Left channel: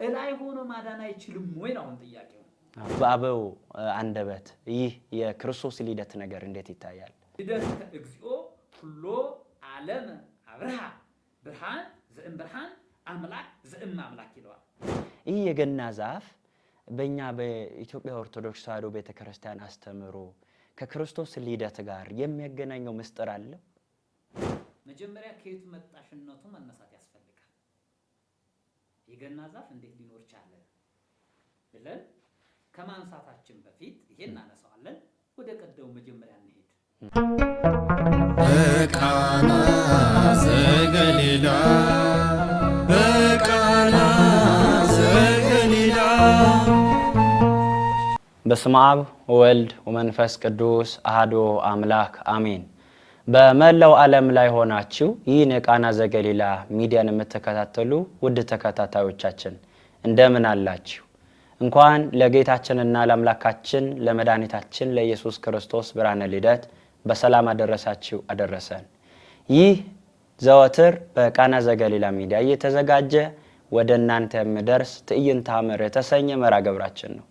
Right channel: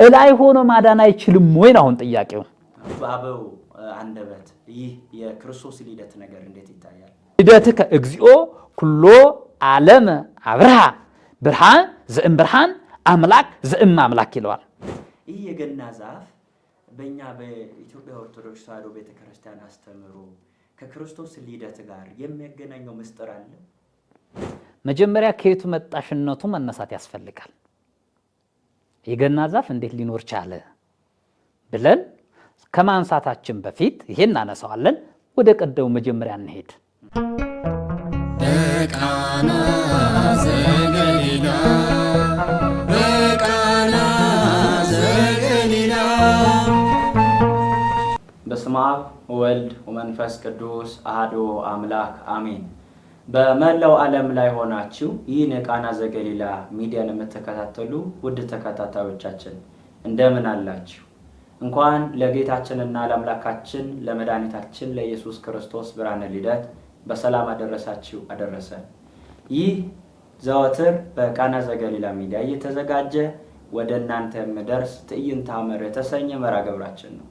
እላይ ሆኖ ማዳን አይችልም ወይ ነው አሁን ጥያቄው? በአበው አንደበት ይህ የክርስቶስ ልደት ነገር እንዴት ይታያል? ልደትከ እግዚኦ ኩሎ ዓለም አብርሃ ብርሃን ዘእም ብርሃን አምላክ ዘእም አምላክ ይለዋል። ይህ የገና ዛፍ በእኛ በኢትዮጵያ ኦርቶዶክስ ተዋሕዶ ቤተክርስቲያን አስተምሮ ከክርስቶስ ልደት ጋር የሚያገናኘው ምስጢር አለ? መጀመሪያ ከየቱ መጣሽነቱ መነሳት ያስፈልጋል። የገና ዛፍ እንዴት ሊኖር ቻለ ብለን ከማንሳታችን በፊት ይሄን እናነሳዋለን። ወደ ቀደሙ መጀመሪያ እንሄድ። በቃና ዘገሊላ በቃና ዘገሊላ። በስመ አብ ወወልድ ወመንፈስ ቅዱስ አሐዱ አምላክ አሜን። በመላው ዓለም ላይ ሆናችሁ ይህን የቃና ዘገሊላ ሚዲያን የምትከታተሉ ውድ ተከታታዮቻችን እንደምን አላችሁ? እንኳን ለጌታችንና ለአምላካችን ለመድኃኒታችን ለኢየሱስ ክርስቶስ ብርሃነ ልደት በሰላም አደረሳችሁ አደረሰን። ይህ ዘወትር በቃና ዘገሊላ ሚዲያ እየተዘጋጀ ወደ እናንተ የሚደርስ ትዕይንተ ሐመር የተሰኘ መርሐ ግብራችን ነው።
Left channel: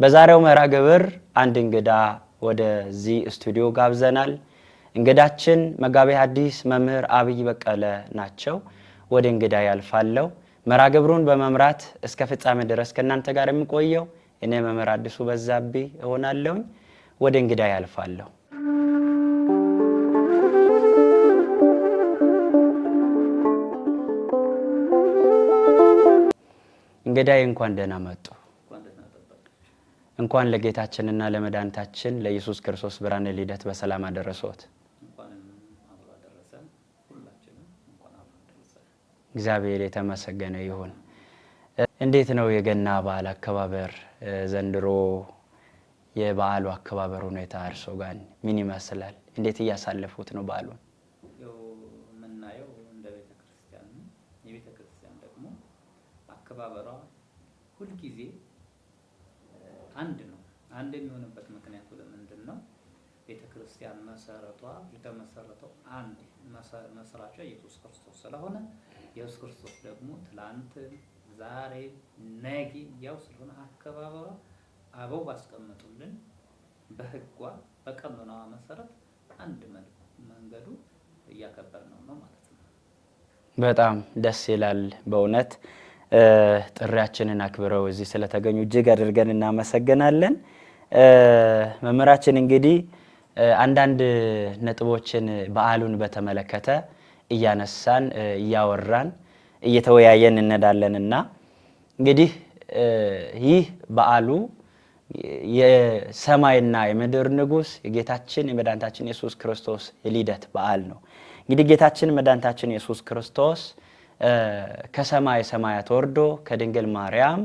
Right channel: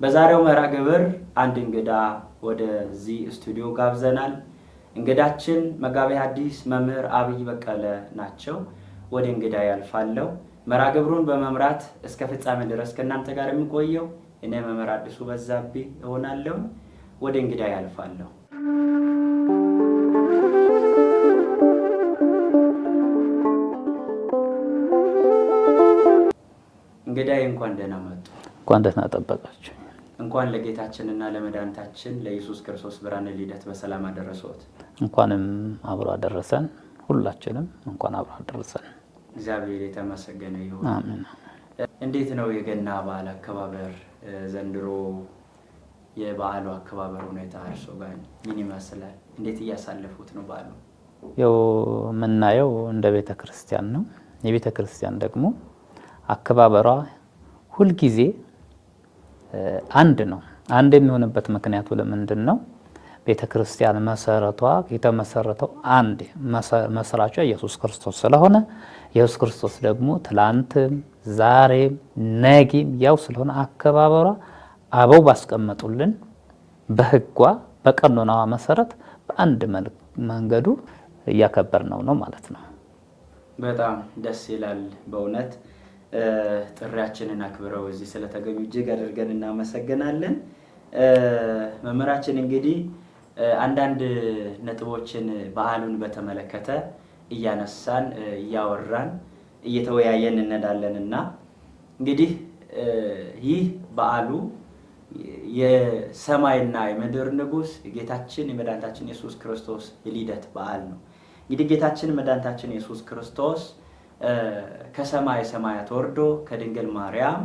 በዛሬው መርሐ ግብር አንድ እንግዳ ወደዚህ ስቱዲዮ ጋብዘናል። እንግዳችን መጋቤ ሐዲስ መምህር አብይ በቀለ ናቸው። ወደ እንግዳ ያልፋለሁ። መርሐ ግብሩን በመምራት እስከ ፍጻሜ ድረስ ከእናንተ ጋር የሚቆየው እኔ መምህር አዲሱ በዛብህ እሆናለሁ። ወደ እንግዳ ያልፋለሁ። እንግዳዬ እንኳን ደህና መጡ። እንኳን ደህና ጠበቃችሁ። እንኳን ለጌታችንና ለመድኃኒታችን ለኢየሱስ ክርስቶስ ብርሃነ ልደት በሰላም አደረሰዎት። እንኳንም አብሮ አደረሰን። ሁላችንም እንኳን አብሮ አደረሰን። እግዚአብሔር የተመሰገነ ይሁን። አሜን። እንዴት ነው የገና በዓል አከባበር ዘንድሮ? የበዓሉ አከባበር ሁኔታ እርሶ ጋር ምን ይመስላል? እንዴት እያሳለፉት ነው በዓሉ? ያው የምናየው እንደ ቤተ ክርስቲያን ነው። የቤተ ክርስቲያን ደግሞ አከባበሯ ሁልጊዜ አንድ ነው። አንድ የሚሆንበት ምክንያቱ ለምንድን ነው? ቤተ ክርስቲያን መሰረቷ የተመሰረተው አንድ መስራቿ ኢየሱስ ክርስቶስ ስለሆነ ኢየሱስ ክርስቶስ ደግሞ ትላንትም ዛሬም ነገም ያው ስለሆነ አከባበሯ አበው ባስቀመጡልን በሕጓ በቀኖናዋ መሰረት በአንድ መንገዱ እያከበርነው ነው ማለት ነው። በጣም ደስ ይላል በእውነት። ጥሪያችንን አክብረው እዚህ ስለተገኙ እጅግ አድርገን እናመሰግናለን። መምህራችን እንግዲህ አንዳንድ ነጥቦችን በዓሉን በተመለከተ እያነሳን እያወራን እየተወያየን እንሄዳለንና እንግዲህ ይህ በዓሉ የሰማይና የምድር ንጉሥ የጌታችን የመድኃኒታችን ኢየሱስ ክርስቶስ የልደት በዓል ነው። እንግዲህ ጌታችን መድኃኒታችን ኢየሱስ ክርስቶስ ከሰማይ ሰማያት ወርዶ ከድንግል ማርያም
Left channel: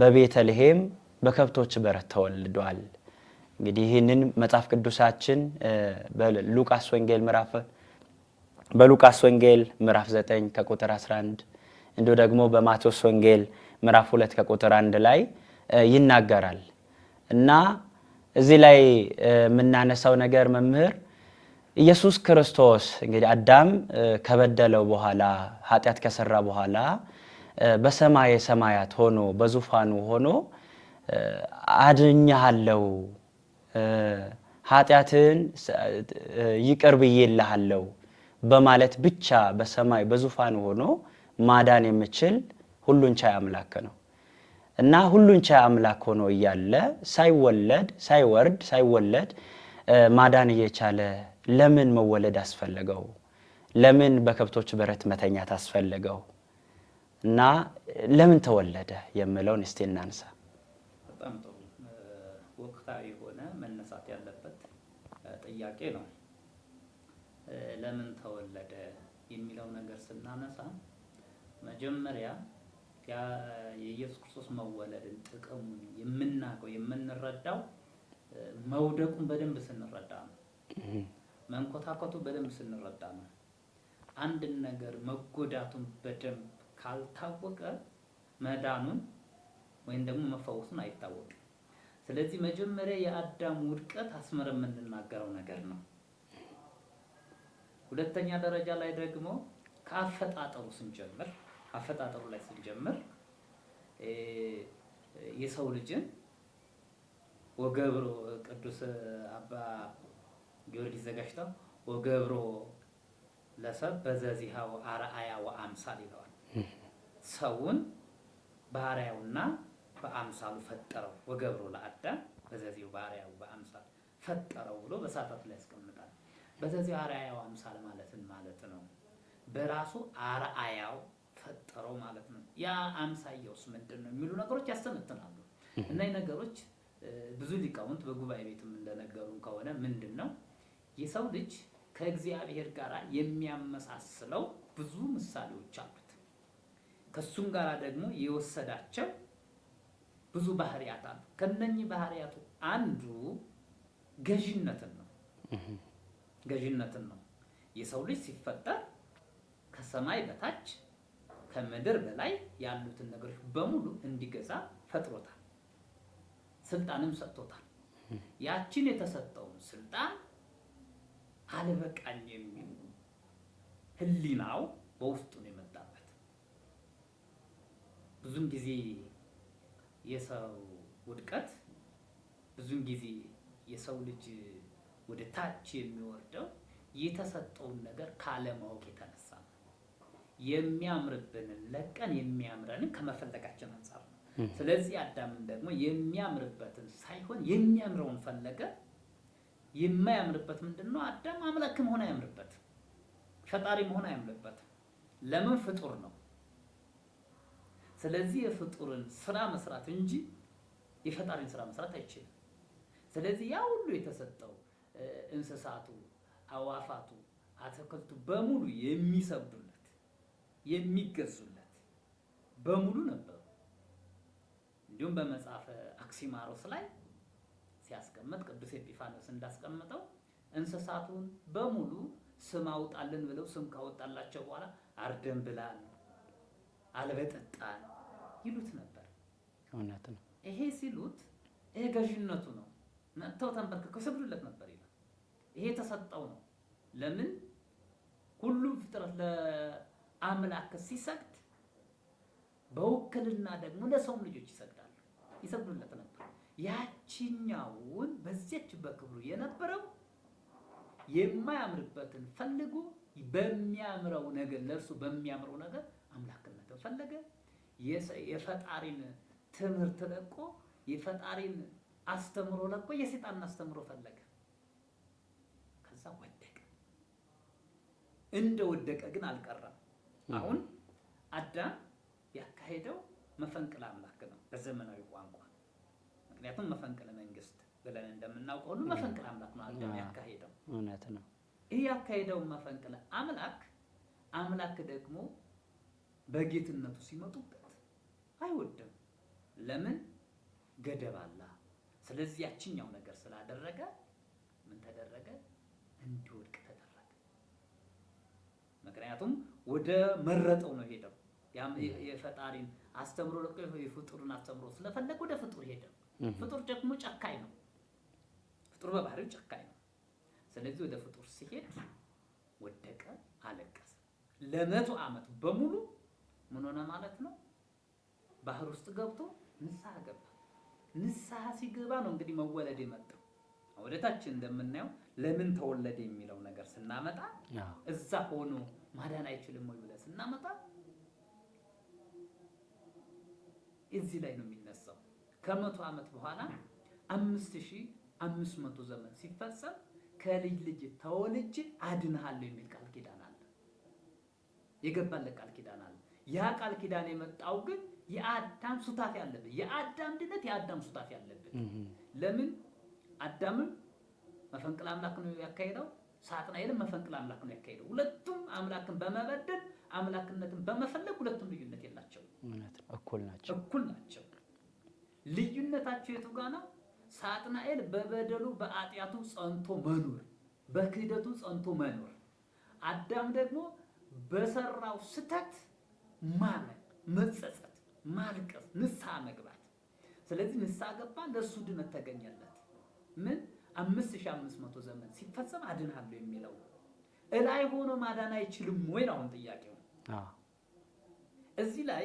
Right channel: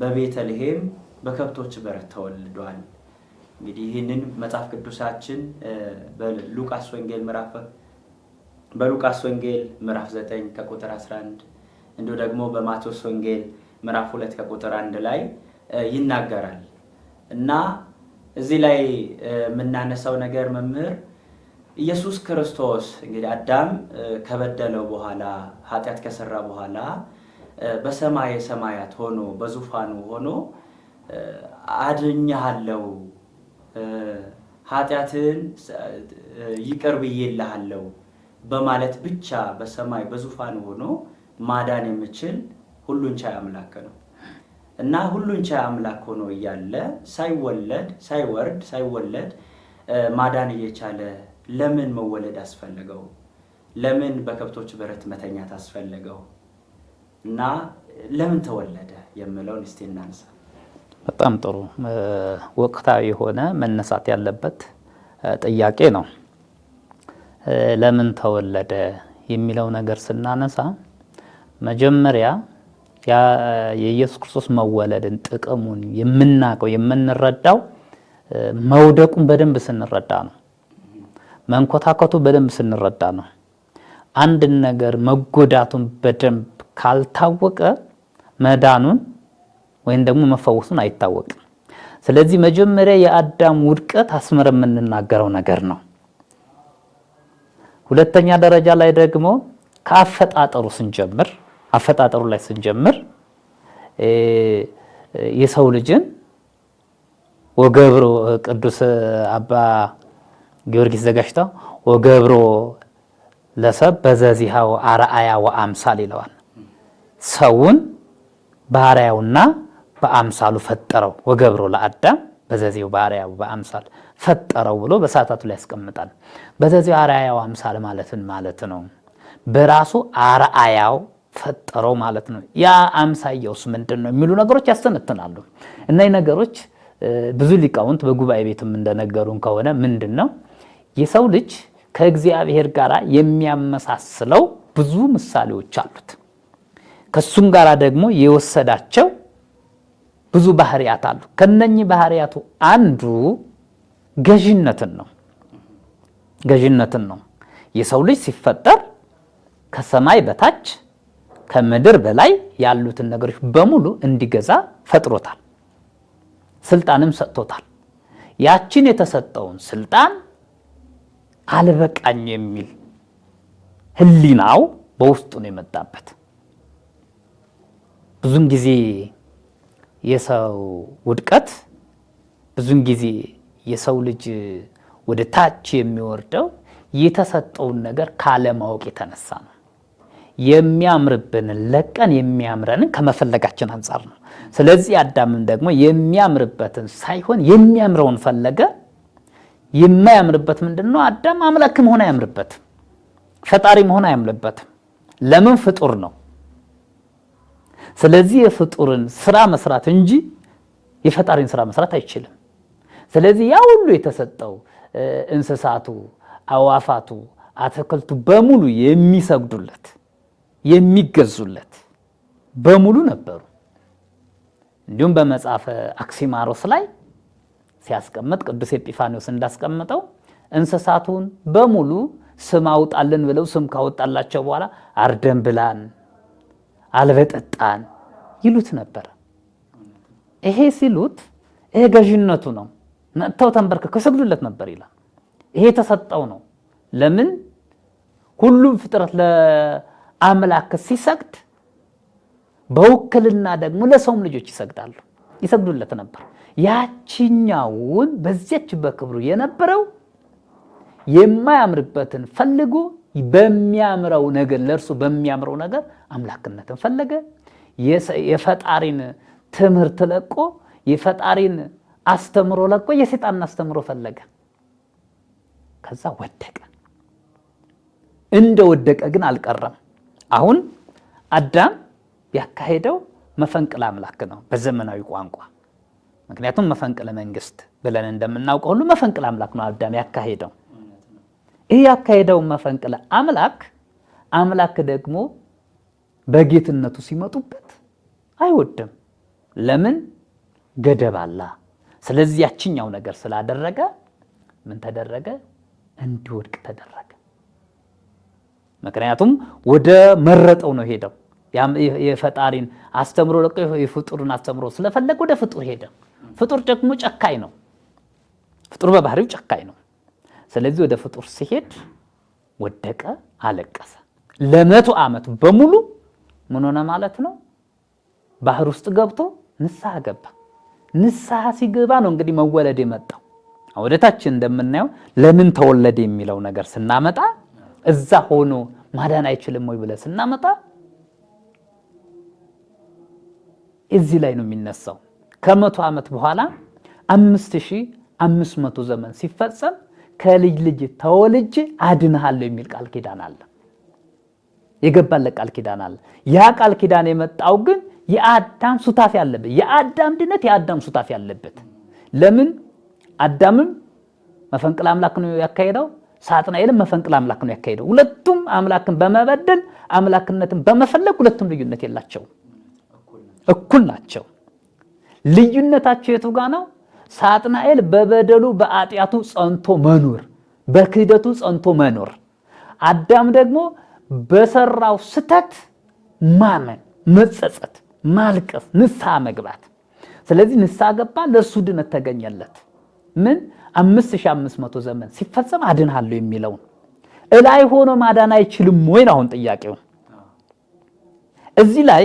በቤተልሔም በከብቶች በረት ተወልዷል። እንግዲህ ይህንን መጽሐፍ ቅዱሳችን በሉቃስ ወንጌል ምዕራፍ 9 ከቁጥር 11 እንዲሁ ደግሞ በማቴዎስ ወንጌል ምዕራፍ 2 ከቁጥር 1 ላይ ይናገራል። እና እዚህ ላይ የምናነሳው ነገር መምህር ኢየሱስ ክርስቶስ እንግዲህ አዳም ከበደለው በኋላ ኃጢአት ከሰራ በኋላ በሰማይ ሰማያት ሆኖ በዙፋኑ ሆኖ አድኜሃለሁ፣ ኃጢአትን ይቅር ብዬልሃለሁ በማለት ብቻ በሰማይ በዙፋኑ ሆኖ ማዳን የሚችል ሁሉን ቻይ አምላክ ነው። እና ሁሉን ቻይ አምላክ ሆኖ እያለ ሳይወለድ ማዳን እየቻለ ለምን መወለድ አስፈለገው? ለምን በከብቶች በረት መተኛት አስፈለገው? እና ለምን ተወለደ የሚለውን እስቲ እናንሳ። በጣም ጥሩ ወቅታዊ የሆነ መነሳት ያለበት ጥያቄ ነው። ለምን ተወለደ የሚለው ነገር ስናነሳ መጀመሪያ የኢየሱስ ክርስቶስ መወለድን ጥቅሙን የምናውቀው የምንረዳው መውደቁን በደንብ ስንረዳ ነው። መንኮታኮቱ በደንብ ስንረዳ ነው። አንድን ነገር መጎዳቱን በደንብ ካልታወቀ መዳኑን ወይም ደግሞ መፈወሱን አይታወቅም። ስለዚህ መጀመሪያ የአዳም ውድቀት አስመረ የምንናገረው ነገር ነው። ሁለተኛ ደረጃ ላይ ደግሞ ከአፈጣጠሩ ስንጀምር አፈጣጠሩ ላይ ስንጀምር የሰው ልጅን ወገብሮ ቅዱስ አባ ጊዮርጊስ ዘጋሽታው ወገብሮ ለሰብ በዘዚሃው አርአያ ወአምሳል ይለዋል። ሰውን በአርአያውና በአምሳሉ ፈጠረው። ወገብሮ ለአዳም በዘዚው በአርአያው በአምሳል ፈጠረው ብሎ በሰዓታቱ ላይ ያስቀምጣል። በዘዚው አርአያው አምሳል ማለት ነው በራሱ አርአያው ፈጠረው ማለት ነው። ያ አምሳያውስ ምንድነው የሚሉ ነገሮች ያስተነትናሉ። እነዚህ ነገሮች ብዙ ሊቃውንት በጉባኤ ቤትም እንደነገሩን ከሆነ ምንድነው የሰው ልጅ ከእግዚአብሔር ጋር የሚያመሳስለው ብዙ ምሳሌዎች አሉት። ከሱም ጋር ደግሞ የወሰዳቸው ብዙ ባህሪያት አሉ። ከነኚህ ባህሪያቱ አንዱ ገዥነትን ነው። የሰው ልጅ ሲፈጠር ከሰማይ በታች ከምድር በላይ ያሉትን ነገሮች በሙሉ እንዲገዛ ፈጥሮታል። ስልጣንም ሰጥቶታል። ያችን የተሰጠውን ስልጣን አልበቃኝ የሚል ህሊናው በውስጡ ነው የመጣበት። ብዙን ጊዜ የሰው ውድቀት፣ ብዙን ጊዜ የሰው ልጅ ወደ ታች የሚወርደው የተሰጠውን ነገር ካለማወቅ የተነሳ ነው። የሚያምርብንን ለቀን የሚያምረንን ከመፈለጋችን አንጻር ነው። ስለዚህ አዳምም ደግሞ የሚያምርበትን ሳይሆን የሚያምረውን ፈለገ። የማያምርበት ምንድነው? አዳም አምላክ መሆን አያምርበትም፣ ፈጣሪ መሆን አያምርበትም። ለምን? ፍጡር ነው። ስለዚህ የፍጡርን ስራ መስራት እንጂ የፈጣሪን ስራ መስራት አይችልም። ስለዚህ ያ ሁሉ የተሰጠው እንስሳቱ፣ አዋፋቱ፣ አትክልቱ በሙሉ የሚሰግዱለት የሚገዙለት በሙሉ ነበሩ። እንዲሁም በመጽሐፈ አክሲማሮስ ላይ ሲያስቀምጥ ቅዱስ ኤጲፋኒዎስ እንዳስቀምጠው እንስሳቱን በሙሉ ስም አውጣልን ብለው ስም ካወጣላቸው በኋላ አርደን ብላን አልበጠጣን ይሉት ነበር። ይሄ ሲሉት ይሄ ገዥነቱ ነው። መጥተው ተንበርክከው ይሰግዱለት ነበር ይላል። ይሄ የተሰጠው ነው። ለምን? ሁሉም ፍጥረት ለአምላክ ሲሰግድ በውክልና ደግሞ ለሰውም ልጆች ይሰግዱለት ነበር። ያቺኛውን በዚያች በክብሩ የነበረው የማያምርበትን ፈልጎ በሚያምረው ነገር ለእርሱ በሚያምረው ነገር አምላክነትን ፈለገ። የፈጣሪን ትምህርት ለቆ የፈጣሪን አስተምሮ ለቆ የሰይጣንን አስተምሮ ፈለገ። ከዛ ወደቀ። እንደወደቀ ግን አልቀረም። አሁን አዳም ያካሄደው መፈንቅለ አምላክ ነው በዘመናዊ ቋንቋ። ምክንያቱም መፈንቅለ መንግስት ብለን እንደምናውቀው ሁሉ መፈንቅለ አምላክ ነው አዳም ያካሄደው። ይህ ያካሄደው መፈንቅለ አምላክ ደግሞ በጌትነቱ ሲመጡበት አይወድም። ለምን? ገደብ አለ። ስለዚህ ያችኛው ነገር ስላደረገ ምን ተደረገ? እንዲወድቅ ተደረገ። ምክንያቱም ወደ መረጠው ነው ሄደው። የፈጣሪን አስተምሮ ለቆ የፍጡርን አስተምሮ ስለፈለገ ወደ ፍጡር ሄደ። ፍጡር ደግሞ ጨካኝ ነው። ፍጡር በባህሪው ጨካኝ ነው። ስለዚህ ወደ ፍጡር ሲሄድ ወደቀ፣ አለቀሰ። ለ100 ዓመት በሙሉ ምን ሆነ ማለት ነው? ባህር ውስጥ ገብቶ ንስሐ ገባ። ንስሐ ሲገባ ነው እንግዲህ መወለድ የመጣው። ወደታችን እንደምናየው ለምን ተወለደ የሚለው ነገር ስናመጣ እዛ ሆኖ ማዳን አይችልም ወይ ብለ ስናመጣ እዚህ ላይ ነው የሚነሳው። ከ100 ዓመት በኋላ 5500 ዘመን ሲፈጸም ከልጅ ልጅ ተወልጄ አድንሃለሁ የሚል ቃል ኪዳን አለ። የገባለት ቃል ኪዳን አለ። ያ ቃል ኪዳን የመጣው ግን የአዳም ሱታፊ ያለበት፣ የአዳም ድነት የአዳም ሱታፊ ያለበት። ለምን? አዳምም መፈንቅለ አምላክ ነው ያካሄደው፣ ሳጥናኤልም መፈንቅለ አምላክ ነው ያካሄደው። ሁለቱም አምላክን በመበደል አምላክነትን በመፈለግ ሁለቱም ልዩነት የላቸውም፣ እኩል ናቸው። ልዩነታቸው የቱ ጋር ነው? ሳጥናኤል በበደሉ በኃጢአቱ ጸንቶ መኖር፣ በክህደቱ ጸንቶ መኖር። አዳም ደግሞ በሰራው ስተት ማመን፣ መጸጸት፣ ማልቀስ፣ ንስሐ መግባት። ስለዚህ ንስሐ ገባ፣ ለእርሱ ድነት ተገኘለት። ምን? 5500 ዘመን ሲፈጸም አድንሃለሁ የሚለውን እላይ ሆኖ ማዳን አይችልም ወይ? አሁን ጥያቄው እዚህ ላይ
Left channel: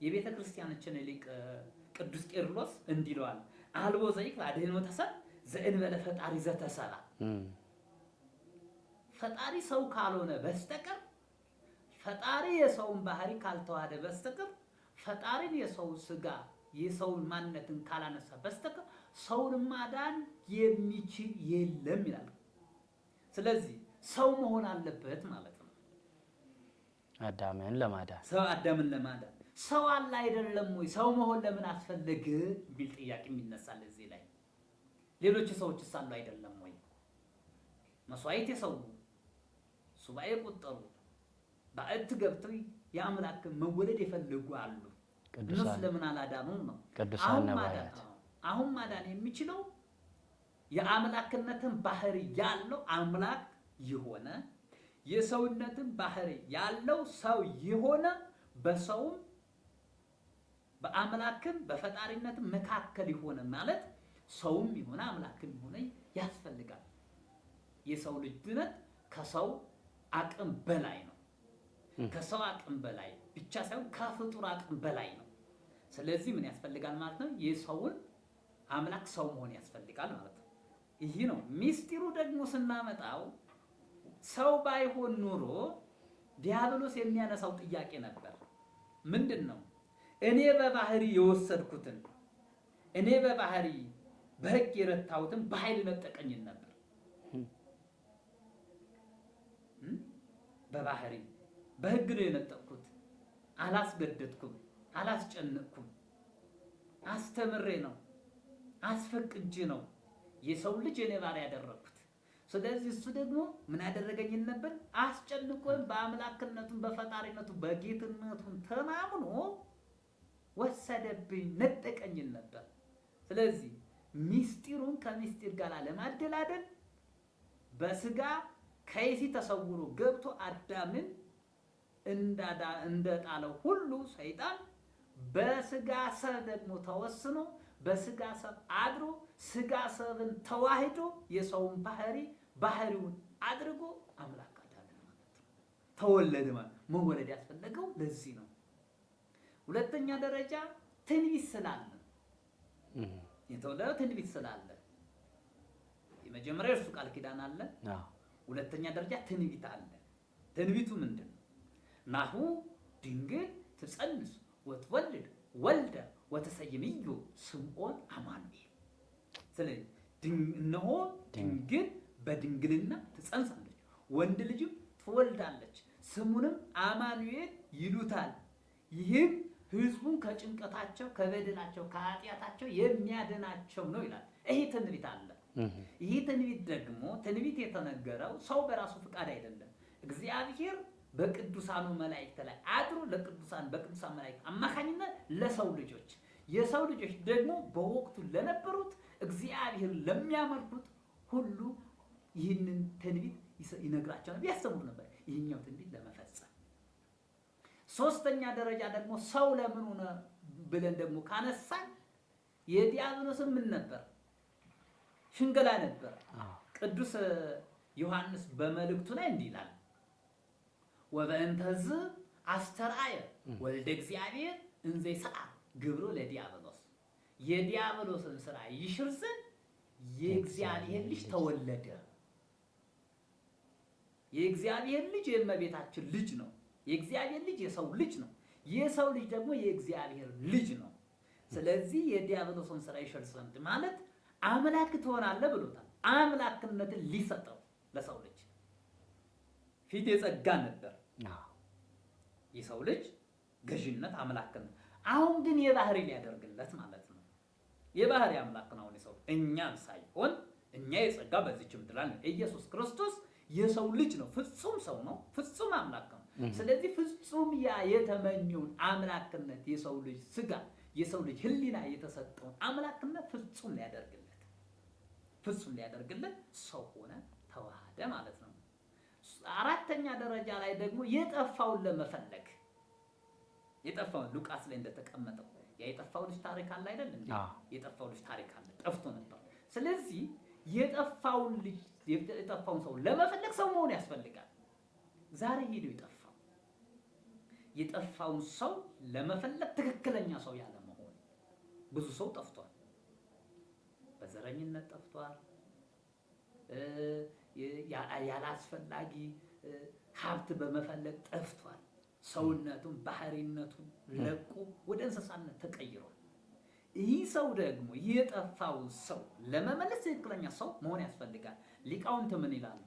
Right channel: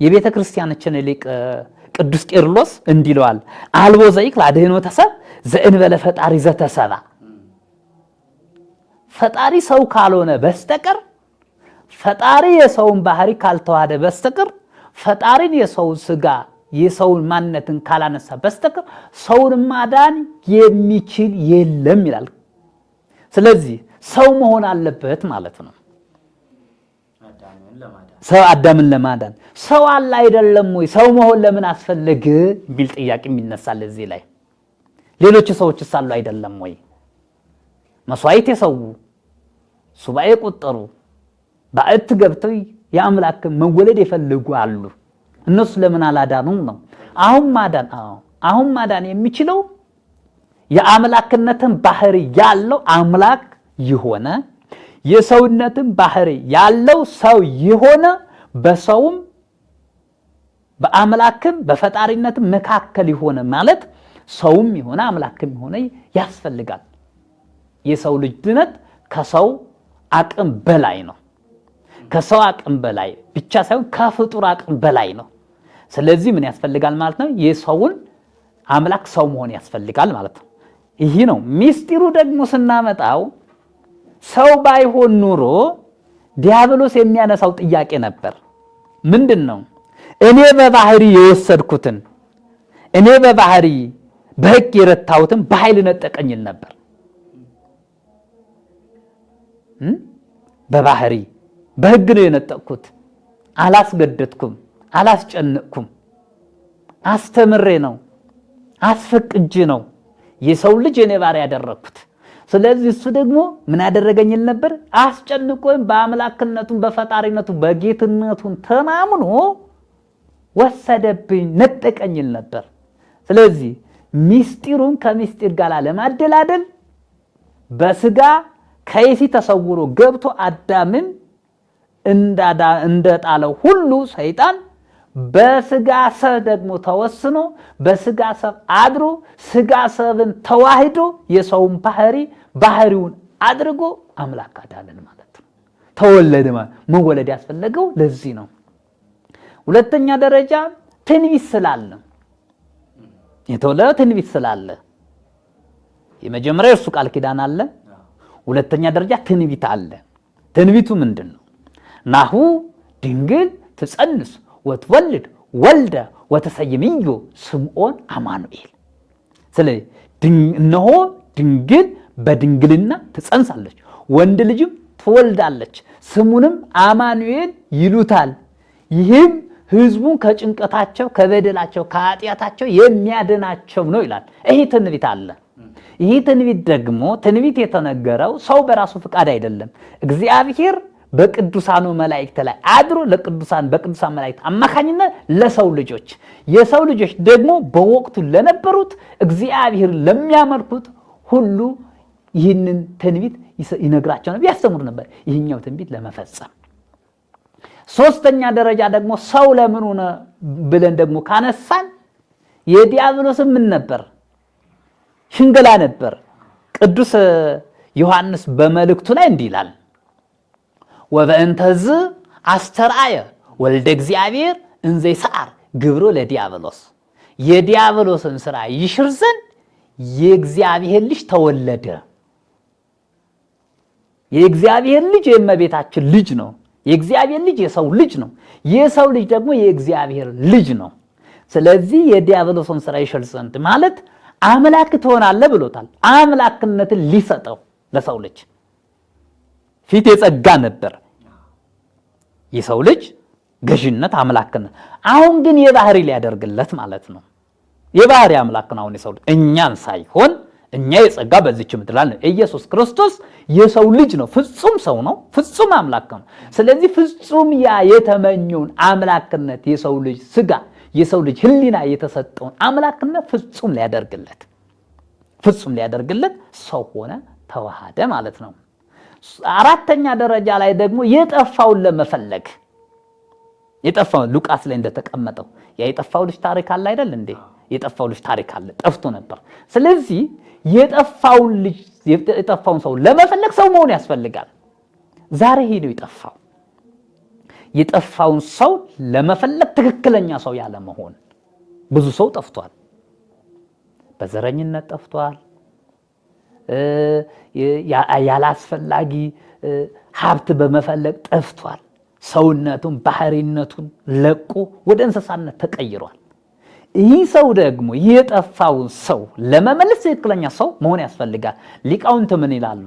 የቤተ ክርስቲያናችን ሊቅ ቅዱስ ቄርሎስ እንዲለዋል አልቦ ዘይክል አድኅኖተ ሰብ ዘእንበለ ፈጣሪ ዘተሰባ ፈጣሪ ሰው ካልሆነ በስተቀር ፈጣሪ የሰውን ባህሪ ካልተዋሃደ በስተቀር ፈጣሪን የሰውን ስጋ የሰውን ማንነትን ካላነሳ በስተቀር ሰውን ማዳን የሚችል የለም ይላል። ስለዚህ ሰው መሆን አለበት ማለት ነው። ሰው አዳምን ለማዳን ሰው አለ አይደለም ወይ? ሰው መሆን ለምን አስፈለገ ቢል ጥያቄ የሚነሳል እዚህ ላይ። ሌሎች ሰዎችስ አሉ አይደለም ወይ? መስዋዕት የሰው ሱባኤ ቆጠሩ ባዕት ገብተው የአምላክ መወለድ የፈልጉ አሉ። እነሱ ለምን አላዳኑም ነው? አሁን ማዳን የሚችለው የአምላክነትን ባህሪ ያለው አምላክ የሆነ የሰውነትን ባህሪ ያለው ሰው የሆነ በሰውም በአምላክም በፈጣሪነትም መካከል የሆነ ማለት ሰውም የሆነ አምላክም የሆነ ያስፈልጋል። የሰው ልጅ ድነት ከሰው አቅም በላይ ነው። ከሰው አቅም በላይ ብቻ ሳይሆን ከፍጡር አቅም በላይ ነው። ስለዚህ ምን ያስፈልጋል ማለት ነው? የሰውን አምላክ ሰው መሆን ያስፈልጋል ማለት ነው። ይህ ነው ሚስጢሩ። ደግሞ ስናመጣው ሰው ባይሆን ኑሮ ዲያብሎስ የሚያነሳው ጥያቄ ነበር። ምንድነው? እኔ በባህሪ የወሰድኩትን እኔ በባህሪ በሕግ የረታሁትን በኃይል ነጠቀኝል ነበር። በባህሪ በሕግ ነው የነጠቅኩት። አላስገደድኩም፣ አላስጨነቅኩም። አስተምሬ ነው አስፈቅጄ ነው የሰው ልጅ የኔ ባሪያ ያደረኩት። ስለዚህ እሱ ደግሞ ምን ያደረገኝል ነበር? አስጨንቆኝ በአምላክነቱን በፈጣሪነቱ በጌትነቱን ተማምኖ ወሰደብኝ፣ ነጠቀኝል ነበር። ስለዚህ ሚስጢሩን ከሚስጢር ጋር ለማደላደል በስጋ ከይሲ ተሰውሮ ገብቶ አዳምን እንደጣለው ሁሉ ሰይጣን በስጋ ሰብ ደግሞ ተወስኖ በስጋ ሰብ አድሮ ስጋ ሰብን ተዋህዶ የሰውን ባህሪውን አድርጎ አምላክ አዳነን ማለት ነው። ተወለደ ማለት መወለድ ያስፈለገው ለዚህ ነው። ሁለተኛ ደረጃ ትንቢት ስላለ የተወለደ ትንቢት ስላለ የመጀመሪያ እርሱ ቃል ኪዳን አለ። ሁለተኛ ደረጃ ትንቢት አለ። ትንቢቱ ምንድነው? ናሁ ድንግል ትጸንስ ወትወልድ ወልደ ወተሰይምዮ ስምዖን አማኑኤል። ስለዚህ እነሆ ድንግል በድንግልና ትጸንሳለች፣ ወንድ ልጅም ትወልዳለች፣ ስሙንም አማኑኤል ይሉታል። ይህም ሕዝቡን ከጭንቀታቸው ከበደላቸው ከኃጢአታቸው የሚያድናቸው ነው ይላል። ይህ ትንቢት አለ። ይህ ትንቢት ደግሞ ትንቢት የተነገረው ሰው በራሱ ፍቃድ አይደለም። እግዚአብሔር በቅዱሳኑ መላእክት ላይ አድሮ በቅዱሳን መላእክት አማካኝነት ለሰው ልጆች የሰው ልጆች ደግሞ በወቅቱ ለነበሩት እግዚአብሔር ለሚያመልኩት ሁሉ ይህንን ትንቢት ይነግራቸው ነበር፣ ያስተምሩ ነበር። ይህኛው ትንቢት ለመፈጸም ሶስተኛ ደረጃ ደግሞ ሰው ለምን ሆነ ብለን ደግሞ ካነሳን የዲያብሎስ ምን ነበር? ሽንገላ ነበር። ቅዱስ ዮሐንስ በመልእክቱ ላይ እንዲህ ይላል፣ ወበእንተዝ አስተርአየ ወልደ እግዚአብሔር እንዘ ይሰዓር ግብሮ ለዲያብሎስ። የዲያብሎስን ስራ ይሽር ዘንድ የእግዚአብሔር ልጅ ተወለደ። የእግዚአብሔር ልጅ የእመቤታችን ልጅ ነው። የእግዚአብሔር ልጅ የሰው ልጅ ነው። የሰው ልጅ ደግሞ የእግዚአብሔር ልጅ ነው። ስለዚህ የዲያብሎስን ስራ ይሽር ዘንድ ማለት አምላክ ትሆናለህ ብሎታል። አምላክነትን ሊሰጠው ለሰው ልጅ ፊት የጸጋ ነበር የሰው ልጅ ገዥነት አምላክነት። አሁን ግን የባህሪ ሊያደርግለት ማለት ነው። የባህሪ አምላክ ነው። አሁን የሰው ልጅ እኛን ሳይሆን እኛ የጸጋ በዚች ምድር ላይ ኢየሱስ ክርስቶስ የሰው ልጅ ነው። ፍጹም ሰው ነው፣ ፍጹም አምላክ ነው። ስለዚህ ፍጹም ያ የተመኘውን አምላክነት የሰው ልጅ ስጋ የሰው ልጅ ህሊና የተሰጠውን አምላክነት ፍጹም ሊያደርግለት ሰው ሆነ፣ ተዋሃደ ማለት ነው። አራተኛ ደረጃ ላይ ደግሞ የጠፋውን ለመፈለግ የጠፋውን ሉቃስ ላይ እንደተቀመጠው የጠፋው ልጅ ታሪክ አለ አይደል እንዴ? የጠፋው ልጅ ታሪክ አለ፣ ጠፍቶ ነበር። ስለዚህ የጠፋውን ሰው ለመፈለግ ሰው መሆን ያስፈልጋል። ዛሬ ሄደው የጠፋው የጠፋውን ሰው ለመፈለግ ትክክለኛ ሰው ያለ መሆን። ብዙ ሰው ጠፍቷል። በዘረኝነት ጠፍቷል። ያላስፈላጊ ሀብት በመፈለግ ጠፍቷል። ሰውነቱን ባህሪነቱን ለቆ ወደ እንስሳነት ተቀይሯል። ይህ ሰው ደግሞ የጠፋውን ሰው ለመመለስ ትክክለኛ ሰው መሆን ያስፈልጋል። ሊቃውንት ምን ይላሉ?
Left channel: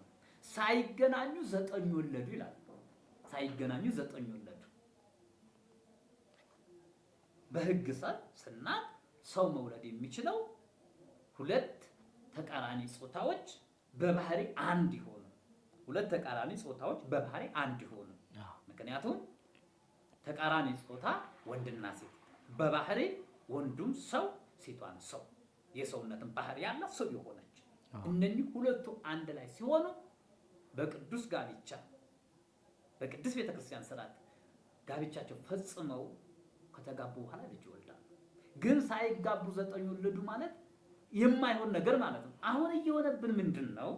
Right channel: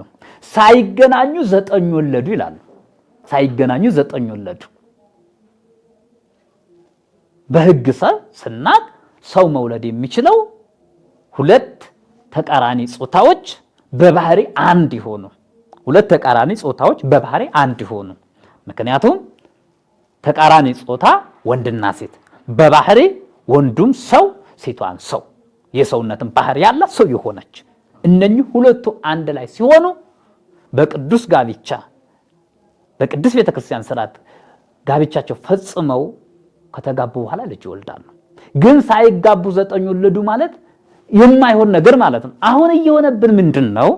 ሳይገናኙ 9 ወለዱ ይላሉ። ሳይገናኙ 9 ወለዱ። በሕግ ስናቅ ሰው መውለድ የሚችለው 2 ተቃራኒ ጾታዎች በባህሪ አንድ ይሆኑ። 2 ተቃራኒ ጾታዎች በባህሪ አንድ ይሆኑ። ምክንያቱም ተቃራኒ ጾታ ወንድና ሴት በባህሪ ወንዱም ሰው ሴቷን ሰው የሰውነትን ባህሪ ያላት ሰው የሆነች እነኚህ ሁለቱ አንድ ላይ ሲሆኑ በቅዱስ ጋብቻ በቅዱስ ቤተክርስቲያን ሥርዓት ጋብቻቸው ፈጽመው ከተጋቡ በኋላ ልጅ ይወልዳሉ። ግን ሳይጋቡ 9 ወለዱ ማለት የማይሆን ነገር ማለት ነው። አሁን እየሆነብን ምንድነው?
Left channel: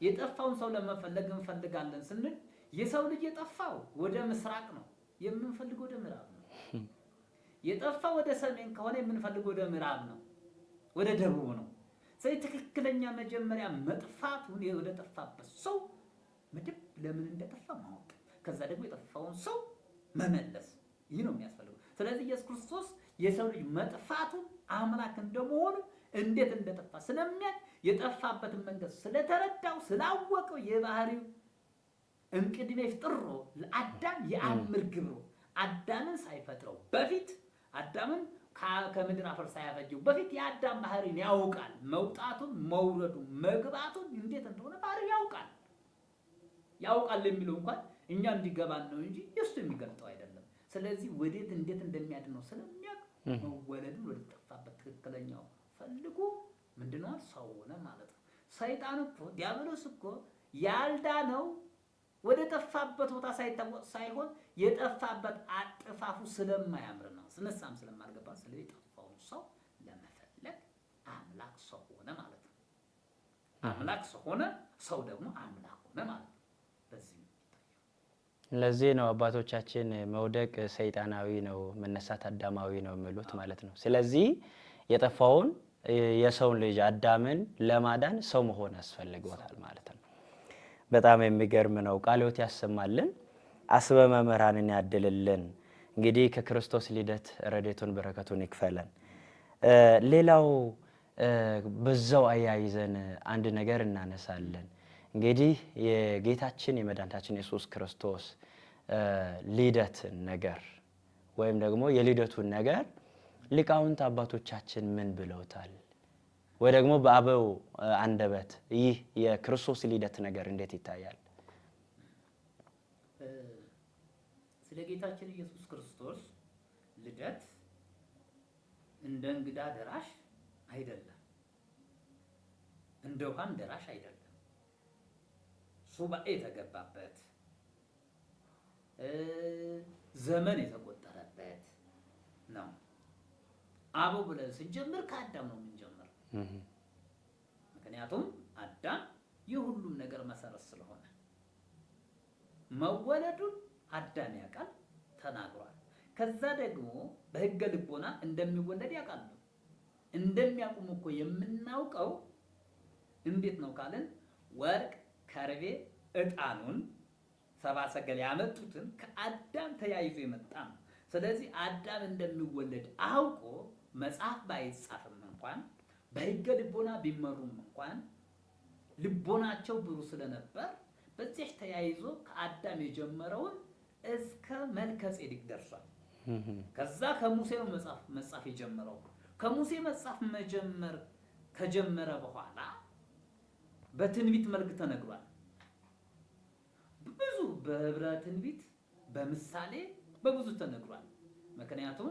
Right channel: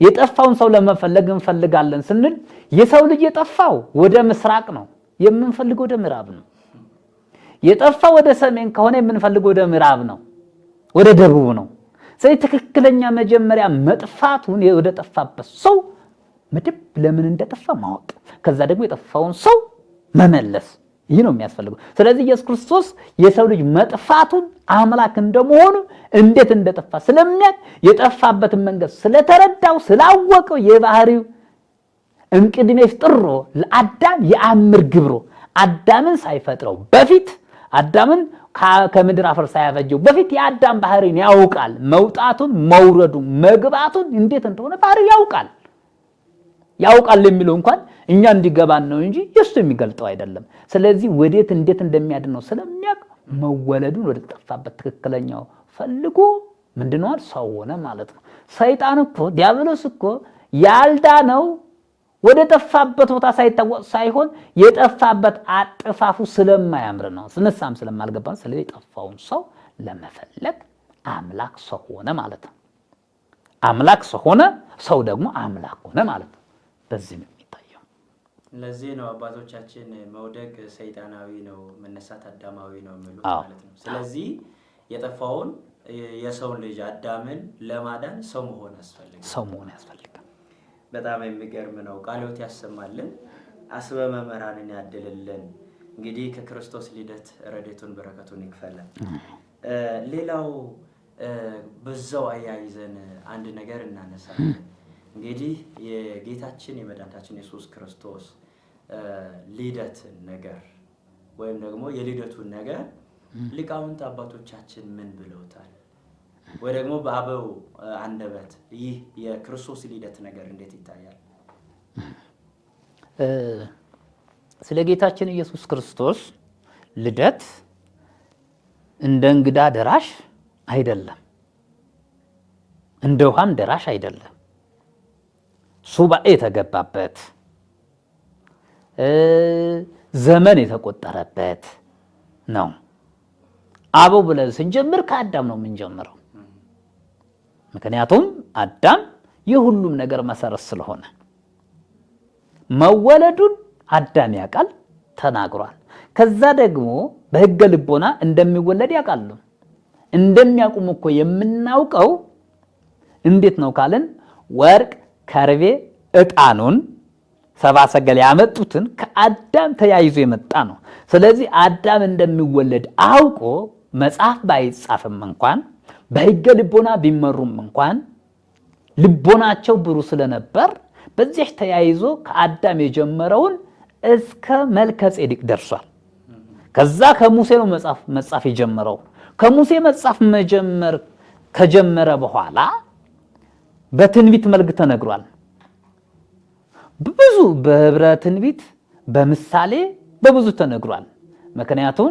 የጠፋውን ሰው ለመፈለግ እንፈልጋለን ስንል የሰው ልጅ የጠፋው ወደ ምስራቅ ነው፣ የምንፈልገው ወደ ምዕራብ ነው። የጠፋው ወደ ሰሜን ከሆነ የምንፈልገው ወደ ምዕራብ ነው፣ ወደ ደቡብ ነው። ስለዚህ ትክክለኛ መጀመሪያ መጥፋቱን ወደ ጠፋበት ሰው መድብ ለምን እንደጠፋ ማወቅ፣ ከዛ ደግሞ የጠፋውን ሰው መመለስ፣ ይህ ነው የሚያስፈልገው። ስለዚህ ኢየሱስ ክርስቶስ የሰው ልጅ መጥፋቱን አምላክ እንደመሆኑ እንዴት እንደጠፋ ስለሚያውቅ የጠፋበትን መንገድ ስለተረዳው ስላወቀው የባህሪው እምቅድሜ ፍጥሮ ለአዳም የአምር ግብሮ አዳምን ሳይፈጥረው በፊት አዳምን ከምድር አፈር ሳያፈጀው በፊት የአዳም ባህሪን ያውቃል። መውጣቱን መውረዱን መግባቱን እንዴት እንደሆነ ባህሪው ያውቃል የሚለው እንኳን እኛ እንዲገባን ነው እንጂ የሱ የሚገልጠው አይደለም። ስለዚህ ወዴት እንዴት እንደሚያድነው ስለሚያውቅ መወለዱን ወደ ጠፋበት ትክክለኛው ፈልጎ ምንድነው ሰው ሆነ ማለት ነው። ሰይጣን እኮ ዲያብሎስ እኮ ያልዳነው ወደ ጠፋበት ቦታ ሳይታወቅ ሳይሆን የጠፋበት አጥፋፉ ስለማያምር ነው፣ ስንሳም ስለማልገባ። ስለዚህ የጠፋውን ሰው ለመፈለግ አምላክ ሰው ሆነ ማለት ነው። አምላክ ሰው ሆነ፣ ሰው ደግሞ አምላክ ሆነ ማለት ነው። በዚህ ነው የሚታየው። ለዚህ ነው አባቶቻችን መውደቅ ሰይጣናዊ ነው፣ መነሳት አዳማዊ ነው የሚሉት ማለት ነው። ስለዚህ የጠፋውን የሰው ልጅ አዳምን ለማዳን ሰው መሆን ያስፈልጋል። በጣም የሚገርም ነው። ቃልዎት ያሰማልን፣ አስበ መምህራንን ያድልልን። እንግዲህ ከክርስቶስ ልደት ረድኤቱን በረከቱን ይክፈለን። ሌላው በዛው አያይዘን አንድ ነገር እናነሳለን። እንግዲህ የጌታችን የመድኃኒታችን ኢየሱስ ክርስቶስ ልደትን ነገር ወይም ደግሞ የልደቱን ነገር ሊቃውንት አባቶቻችን ምን ብለውታል? ወይ ደግሞ በአበው አንደበት ይህ የክርስቶስ ልደት ነገር እንዴት ይታያል? ስለ ጌታችን ኢየሱስ ክርስቶስ ልደት እንደ እንግዳ ደራሽ አይደለም፣ እንደ ውሃም ደራሽ አይደለም። ሱባኤ የተገባበት ዘመን የተቆጠረበት ነው። አበው ብለን ስንጀምር ከአዳም ነው የምንጀምረው። ምክንያቱም አዳም የሁሉም ነገር መሰረት ስለሆነ መወለዱን አዳም ያውቃል፣ ተናግሯል። ከዛ ደግሞ በሕገ ልቦና እንደሚወለድ ያውቃሉ። እንደሚያውቁም እኮ የምናውቀው እንዴት ነው ካልን ወርቅ፣ ከርቤ፣ ዕጣኑን ሰብአ ሰገል ያመጡትን ከአዳም ተያይዞ የመጣ ነው። ስለዚህ አዳም እንደሚወለድ አውቆ መጽሐፍ ባይጻፍም እንኳን በሕገ ልቦና ቢመሩም እንኳን ልቦናቸው ብሩህ ስለነበር በዚህ ተያይዞ ከአዳም የጀመረውን እስከ መልከ ጼዴቅ ደርሷል። ከዛ ከሙሴ ነው መጽሐፍ የጀመረው። ከሙሴ መጽሐፍ መጀመር ከጀመረ በኋላ በትንቢት መልክ ተነግሯል። ብዙ በህብረ ትንቢት በምሳሌ በብዙ ተነግሯል። ምክንያቱም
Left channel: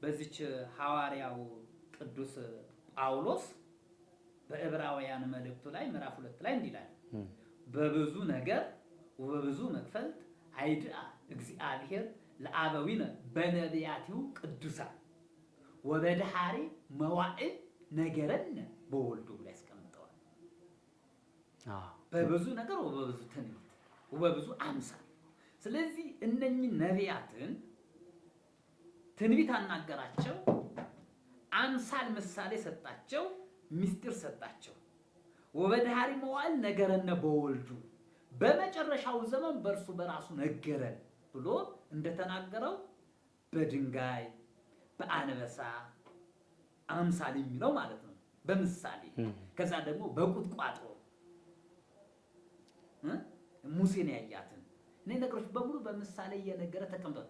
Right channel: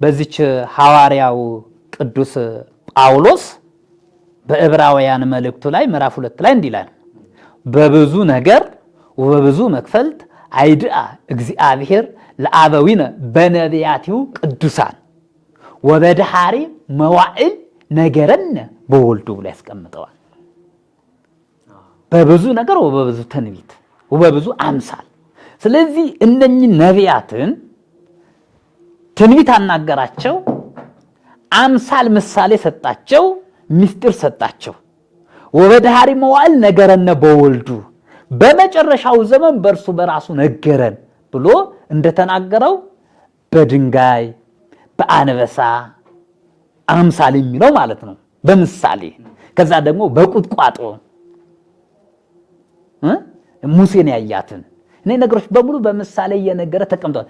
በዚች ሐዋርያው ቅዱስ ጳውሎስ በዕብራውያን መልእክቱ ላይ ምዕራፍ 2 ላይ እንዲህ ይላል፣ በብዙ ነገር ወበብዙ መክፈልት አይድአ እግዚአብሔር ለአበዊነ በነቢያቲሁ ቅዱሳን ወበድሃሪ መዋዕል ነገረነ በወልዱ ብሎ ያስቀምጠዋል። በብዙ ነገር ወበብዙ ትንቢት ወበብዙ አምሳል። ስለዚህ እነኚህ ነቢያትን ትንቢት አናገራቸው፣ አምሳል ምሳሌ ሰጣቸው፣ ምስጢር ሰጣቸው። ወበዳህሪ መዋዕል ነገረነ በወልዱ በመጨረሻው ዘመን በእርሱ በራሱ ነገረን ብሎ እንደተናገረው በድንጋይ በአንበሳ አምሳል የሚለው ማለት ነው በምሳሌ። ከዛ ደግሞ በቁጥቋጦ ሙሴን ያያትን እኔ ነገሮች በሙሉ በምሳሌ እየነገረ ተቀምጧል።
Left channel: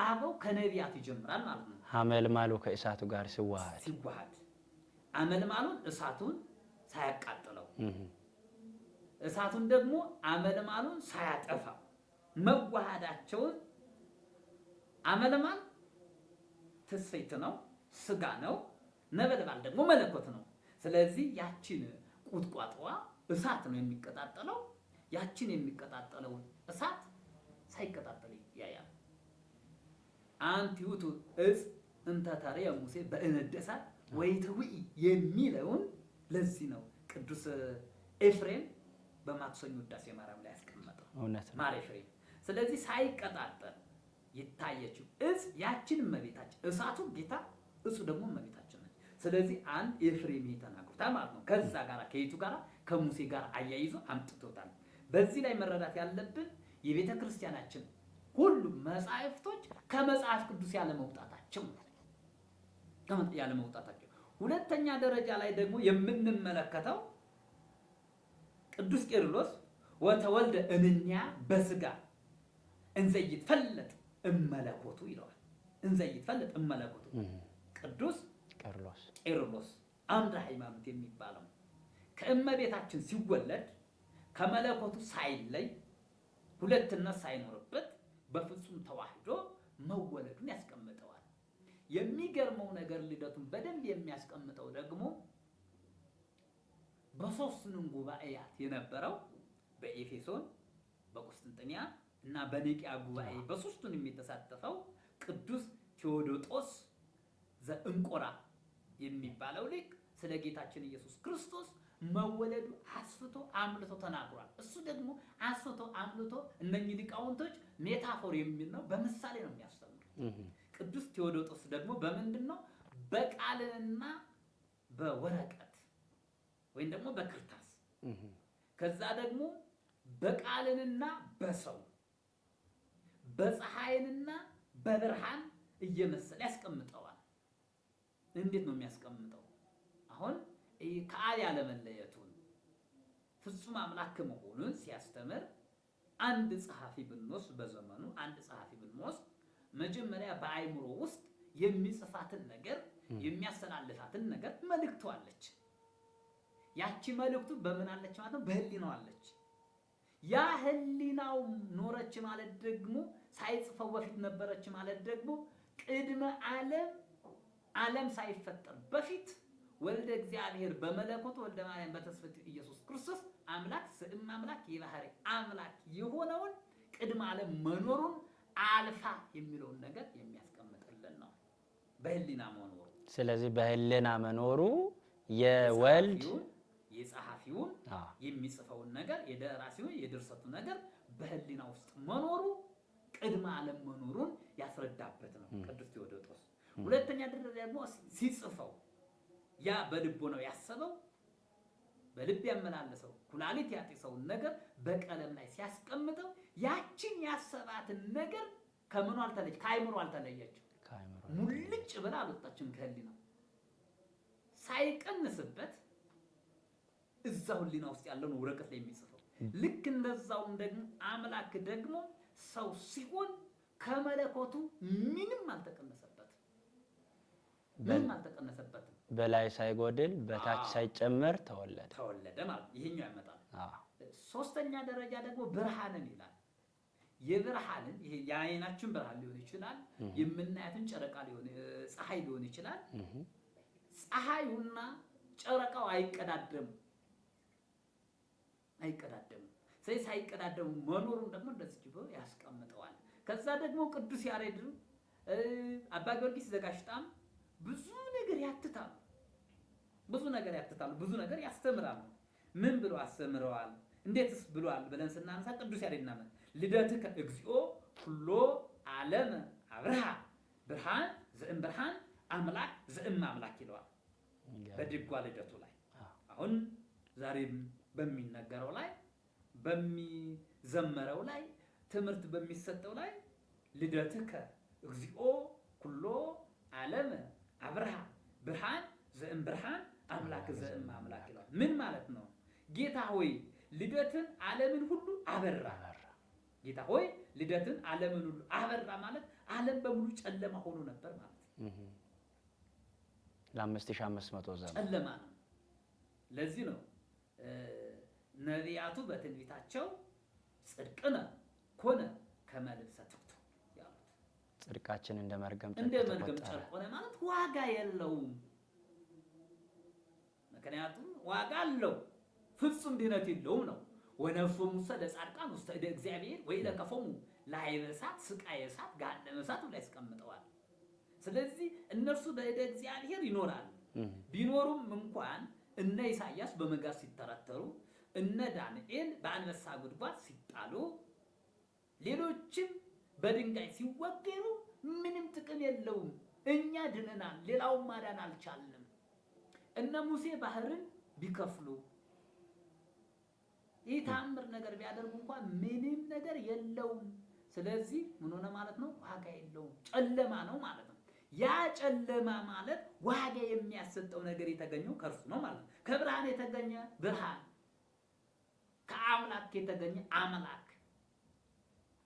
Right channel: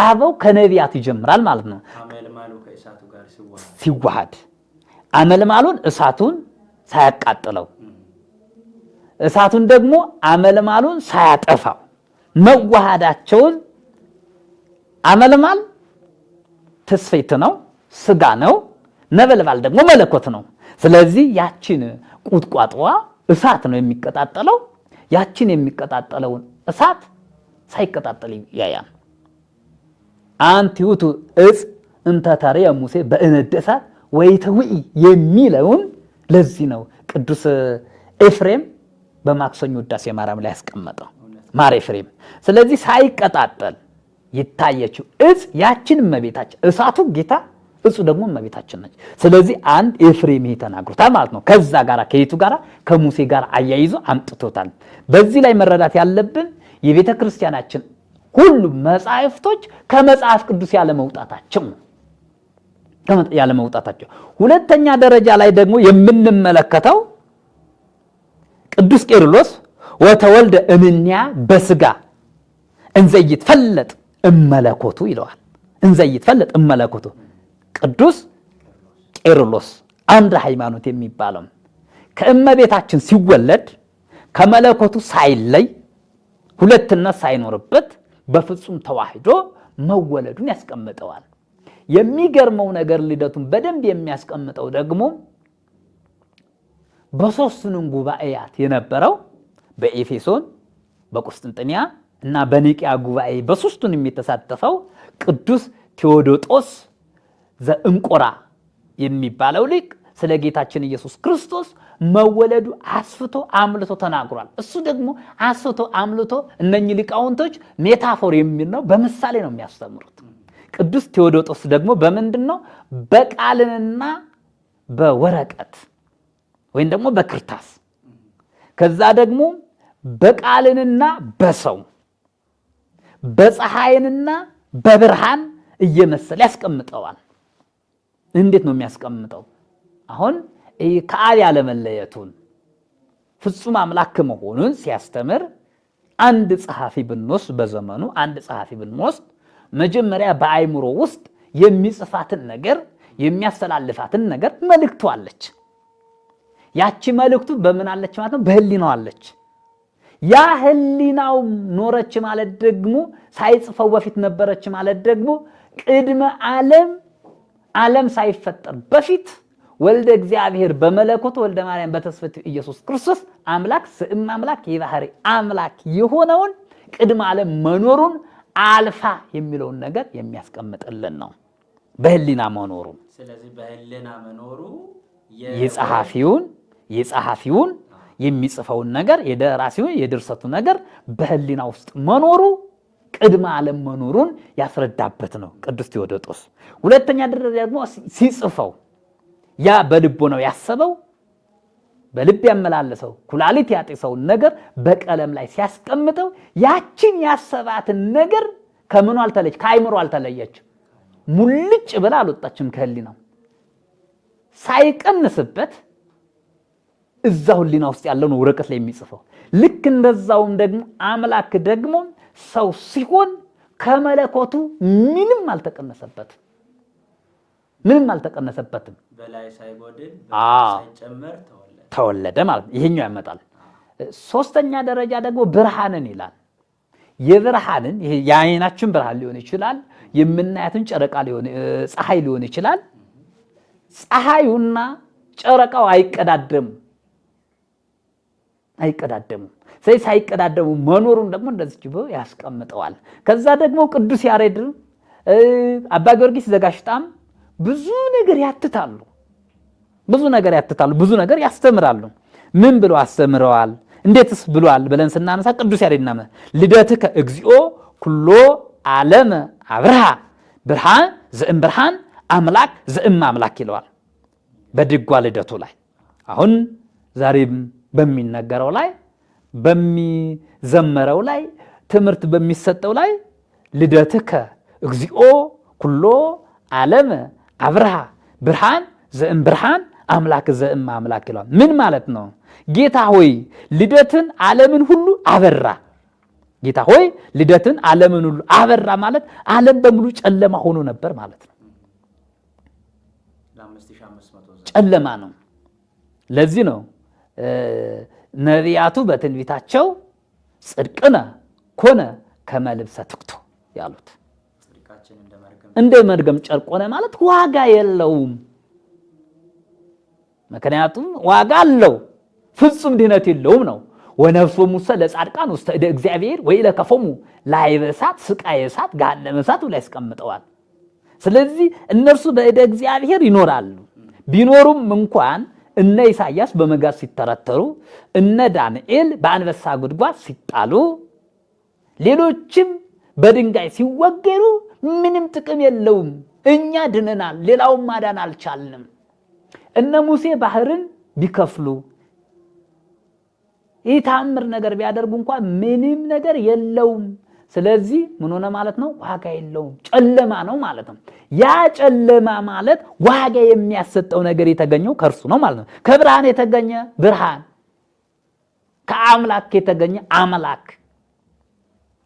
አበው ከነቢያት ይጀምራል ማለት ነው። አመልማሉ ከእሳቱ ጋር ሲዋሃድ አመልማሉን እሳቱን ሳያቃጥለው እሳቱን ደግሞ አመልማሉን ሳያጠፋው መዋሃዳቸውን አመልማል ተስፈይት ነው፣ ስጋ ነው። ነበልባል ደግሞ መለኮት ነው። ስለዚህ ያችን ቁጥቋጦዋ እሳት ነው የሚቀጣጠለው። ያችን የሚቀጣጠለውን እሳት ሳይቀጣጠል ያያል። አንቲ ውእቱ ዕፅ እንተ ተርየ ሙሴ በእነደ እሳት ወይትውኢ የሚለውን ለዚህ ነው ቅዱስ ኤፍሬም በማክሰኞ ውዳሴ ማርያም ላይ ያስቀመጠው ማር ኤፍሬም። ስለዚህ ሳይቀጣጠል ይታየችው ዕፅ ያችን እመቤታችን፣ እሳቱ ጌታ፣ እጹ ደግሞ እመቤታችን ነች። ስለዚህ አንድ ኤፍሬም ይሄ ተናግሮታል ማለት ነው። ከዛ ጋር ከየቱ ጋር ከሙሴ ጋር አያይዞ አምጥቶታል። በዚህ ላይ መረዳት ያለብን የቤተ ክርስቲያናችን ሁሉም መጻሕፍቶች ከመጽሐፍ ቅዱስ ያለመውጣታቸው ነው። ያለመውጣታቸው። ሁለተኛ ደረጃ ላይ ደግሞ የምንመለከተው ቅዱስ ቄርሎስ ወተወልደ እምኔሃ በስጋ እንዘ ይትፈለጥ እመለኮቱ ይለዋል። እንዘ ይትፈለጥ እመለኮቱ ቅዱስ ቄርሎስ አምደ ሃይማኖት የሚባለው ከእመቤታችን ሲወለድ ከመለኮቱ ሳይለይ ሁለትነት ሳይኖርበት በፍጹም ተዋህዶ መወለዱን ያስቀምጠዋል። የሚገርመው ነገር ልደቱን በደንብ የሚያስቀምጠው ደግሞ በሶስቱንም ጉባኤያት የነበረው በኤፌሶን፣ በቁስጥንጥንያ እና በኒቅያ ጉባኤ በሶስቱንም የተሳተፈው ቅዱስ ቴዎዶጦስ ዘእንቆራ የሚባለው ሊቅ ስለ ጌታችን ኢየሱስ ክርስቶስ መወለዱ አስፍቶ አምልቶ ተናግሯል። እሱ ደግሞ አስፍቶ አምልቶ እነኚህ ሊቃውንቶች ሜታፎር የሚል ነው፣ በምሳሌ ነው የሚያስተምሩት። ቅዱስ ቴዎዶጦስ ደግሞ በምንድነው? በቃልንና በወረቀት ወይም ደግሞ በክርታስ ከዛ ደግሞ በቃልንና በሰው በፀሐይንና በብርሃን እየመሰለ ያስቀምጠዋል። እንዴት ነው የሚያስቀምጠው? አሁን ከአብ ያለመለየቱን ፍጹም አምላክ መሆኑን ሲያስተምር አንድ ጸሐፊ ብንወስድ በዘመኑ አንድ ጸሐፊ ብንወስድ መጀመሪያ በአይምሮ ውስጥ የሚጽፋትን ነገር የሚያስተላልፋትን ነገር መልእክቱ አለች። ያቺ መልእክቱ በምን አለች ማለት ነው? በህሊናው አለች። ያ ህሊናው ኖረች ማለት ደግሞ ሳይጽፈው በፊት ነበረች ማለት ደግሞ ቅድመ ዓለም ሳይፈጠር በፊት ወልደ እግዚአብሔር በመለኮት ወልደ ማርያም በተስፈት ኢየሱስ ክርስቶስ አምላክ ስም አምላክ የባህሪ አምላክ የሆነውን ቅድመ ዓለም መኖሩን አልፋ የሚለውን ነገር የሚያስቀምጥልን ነው። በህሊና መኖሩ። ስለዚህ በህሊና መኖሩ የጸሐፊውን የሚጽፈውን ነገር የደራሲውን የድርሰቱ ነገር በህሊና ውስጥ መኖሩ ቅድመ ዓለም መኖሩን ያስረዳበት ነው ቅዱስ ቴዎዶጦስ። ሁለተኛ ደረጃ ደግሞ ሲጽፈው ያ በልቦ ነው ያሰበው በልብ ያመላለሰው ኩላሊት ያጤሰው ነገር በቀለም ላይ ሲያስቀምጠው ያችን ያሰባትን ነገር ከምኑ አልተለየች፣ ከአይምሮ አልተለየች፣ ሙልጭ ብላ አልወጣችም ከህሊናው ሳይቀንስበት እዛው ህሊና ውስጥ ያለውን ወረቀት ላይ የሚጽፈው። ልክ እንደዛውም ደግሞ አምላክ ደግሞ ሰው ሲሆን ከመለኮቱ ምንም አልተቀነሰበትም። በላይ ሳይጎድል ሳይጨመር ተወለደ ማለት ነው። ይሄኛው ያመጣል። ሶስተኛ ደረጃ ደግሞ ብርሃንን ይላል። የብርሃንን ይሄ የዓይናችን ብርሃን ሊሆን ይችላል፣ የምናያትን ጨረቃ ፀሐይ ሊሆን ይችላል። ፀሐዩና ጨረቃው አይቀዳደሙ። ስለዚህ ሳይቀዳደሙ መኖሩን ደግሞ እንደዚህ ብሎ ያስቀምጠዋል። ከዛ ደግሞ ቅዱስ ያሬድ አባ ጊዮርጊስ ዘጋሽጣም ብዙ ነገር ያትታሉ፣ ብዙ ነገር ያስተምራሉ። ምን ብለው አስተምረዋል? እንዴትስ ብሏል ብለን ስናነሳ ቅዱስ ያሬድ ናመ ልደትከ እግዚኦ ኩሎ ዓለም አብርሃ ብርሃን ዘእም ብርሃን አምላክ ዘእም አምላክ ይለዋል በድጓ ልደቱ ላይ። አሁን ዛሬም በሚነገረው ላይ በሚዘመረው ላይ ትምህርት በሚሰጠው ላይ ልደትከ እግዚኦ ኩሎ ዓለም አብርሃ ብርሃን ዘእም ብርሃን አምላክ ዘእም አምላክ ይለዋል። ምን ማለት ነው? ጌታ ሆይ ልደትን ዓለምን ሁሉ አበራ። ጌታ ሆይ ልደትን ዓለምን ሁሉ አበራ ማለት ዓለም በሙሉ ጨለማ ሆኖ ነበር ማለት ነው። ጨለማ ነው። ለዚህ ነው ነቢያቱ በትንቢታቸው ጽድቅነ ኮነ ከመ ልብሰ ትክቶ ያሉት። ጽድቃችን እንደ መርገም ጨርቅ ሆነ ማለት ዋጋ የለውም። ምክንያቱም ዋጋ አለው ፍጹም ድነት የለውም ነው። ወነፍሶሙ ሙሰ ለጻድቃን ውስተ እደ እግዚአብሔር ወኢለከፎሙ ላዕበ እሳት ስቃየ እሳት ገሃነመ እሳት ላይ ያስቀምጠዋል። ስለዚህ እነርሱ በእደ እግዚአብሔር ይኖራሉ። ቢኖሩም እንኳን እነ ኢሳያስ በመጋዝ ሲተረተሩ፣ እነ ዳንኤል በአንበሳ ጉድጓድ ሲጣሉ፣ ሌሎችም በድንጋይ ሲወገሩ ምንም ጥቅም የለውም። እኛ ድነናል፣ ሌላውን ማዳን አልቻልንም። እነ ሙሴ ባህርን ቢከፍሉ ይህ ተአምር ነገር ቢያደርጉ እንኳን ምንም ነገር የለውም። ስለዚህ ምን ሆነ ማለት ነው? ዋጋ የለውም፣ ጨለማ ነው ማለት ነው። ያ ጨለማ ማለት ዋጋ የሚያሰጠው ነገር የተገኘው ከእርሱ ነው ማለት ነው። ከብርሃን የተገኘ ብርሃን፣ ከአምላክ የተገኘ አምላክ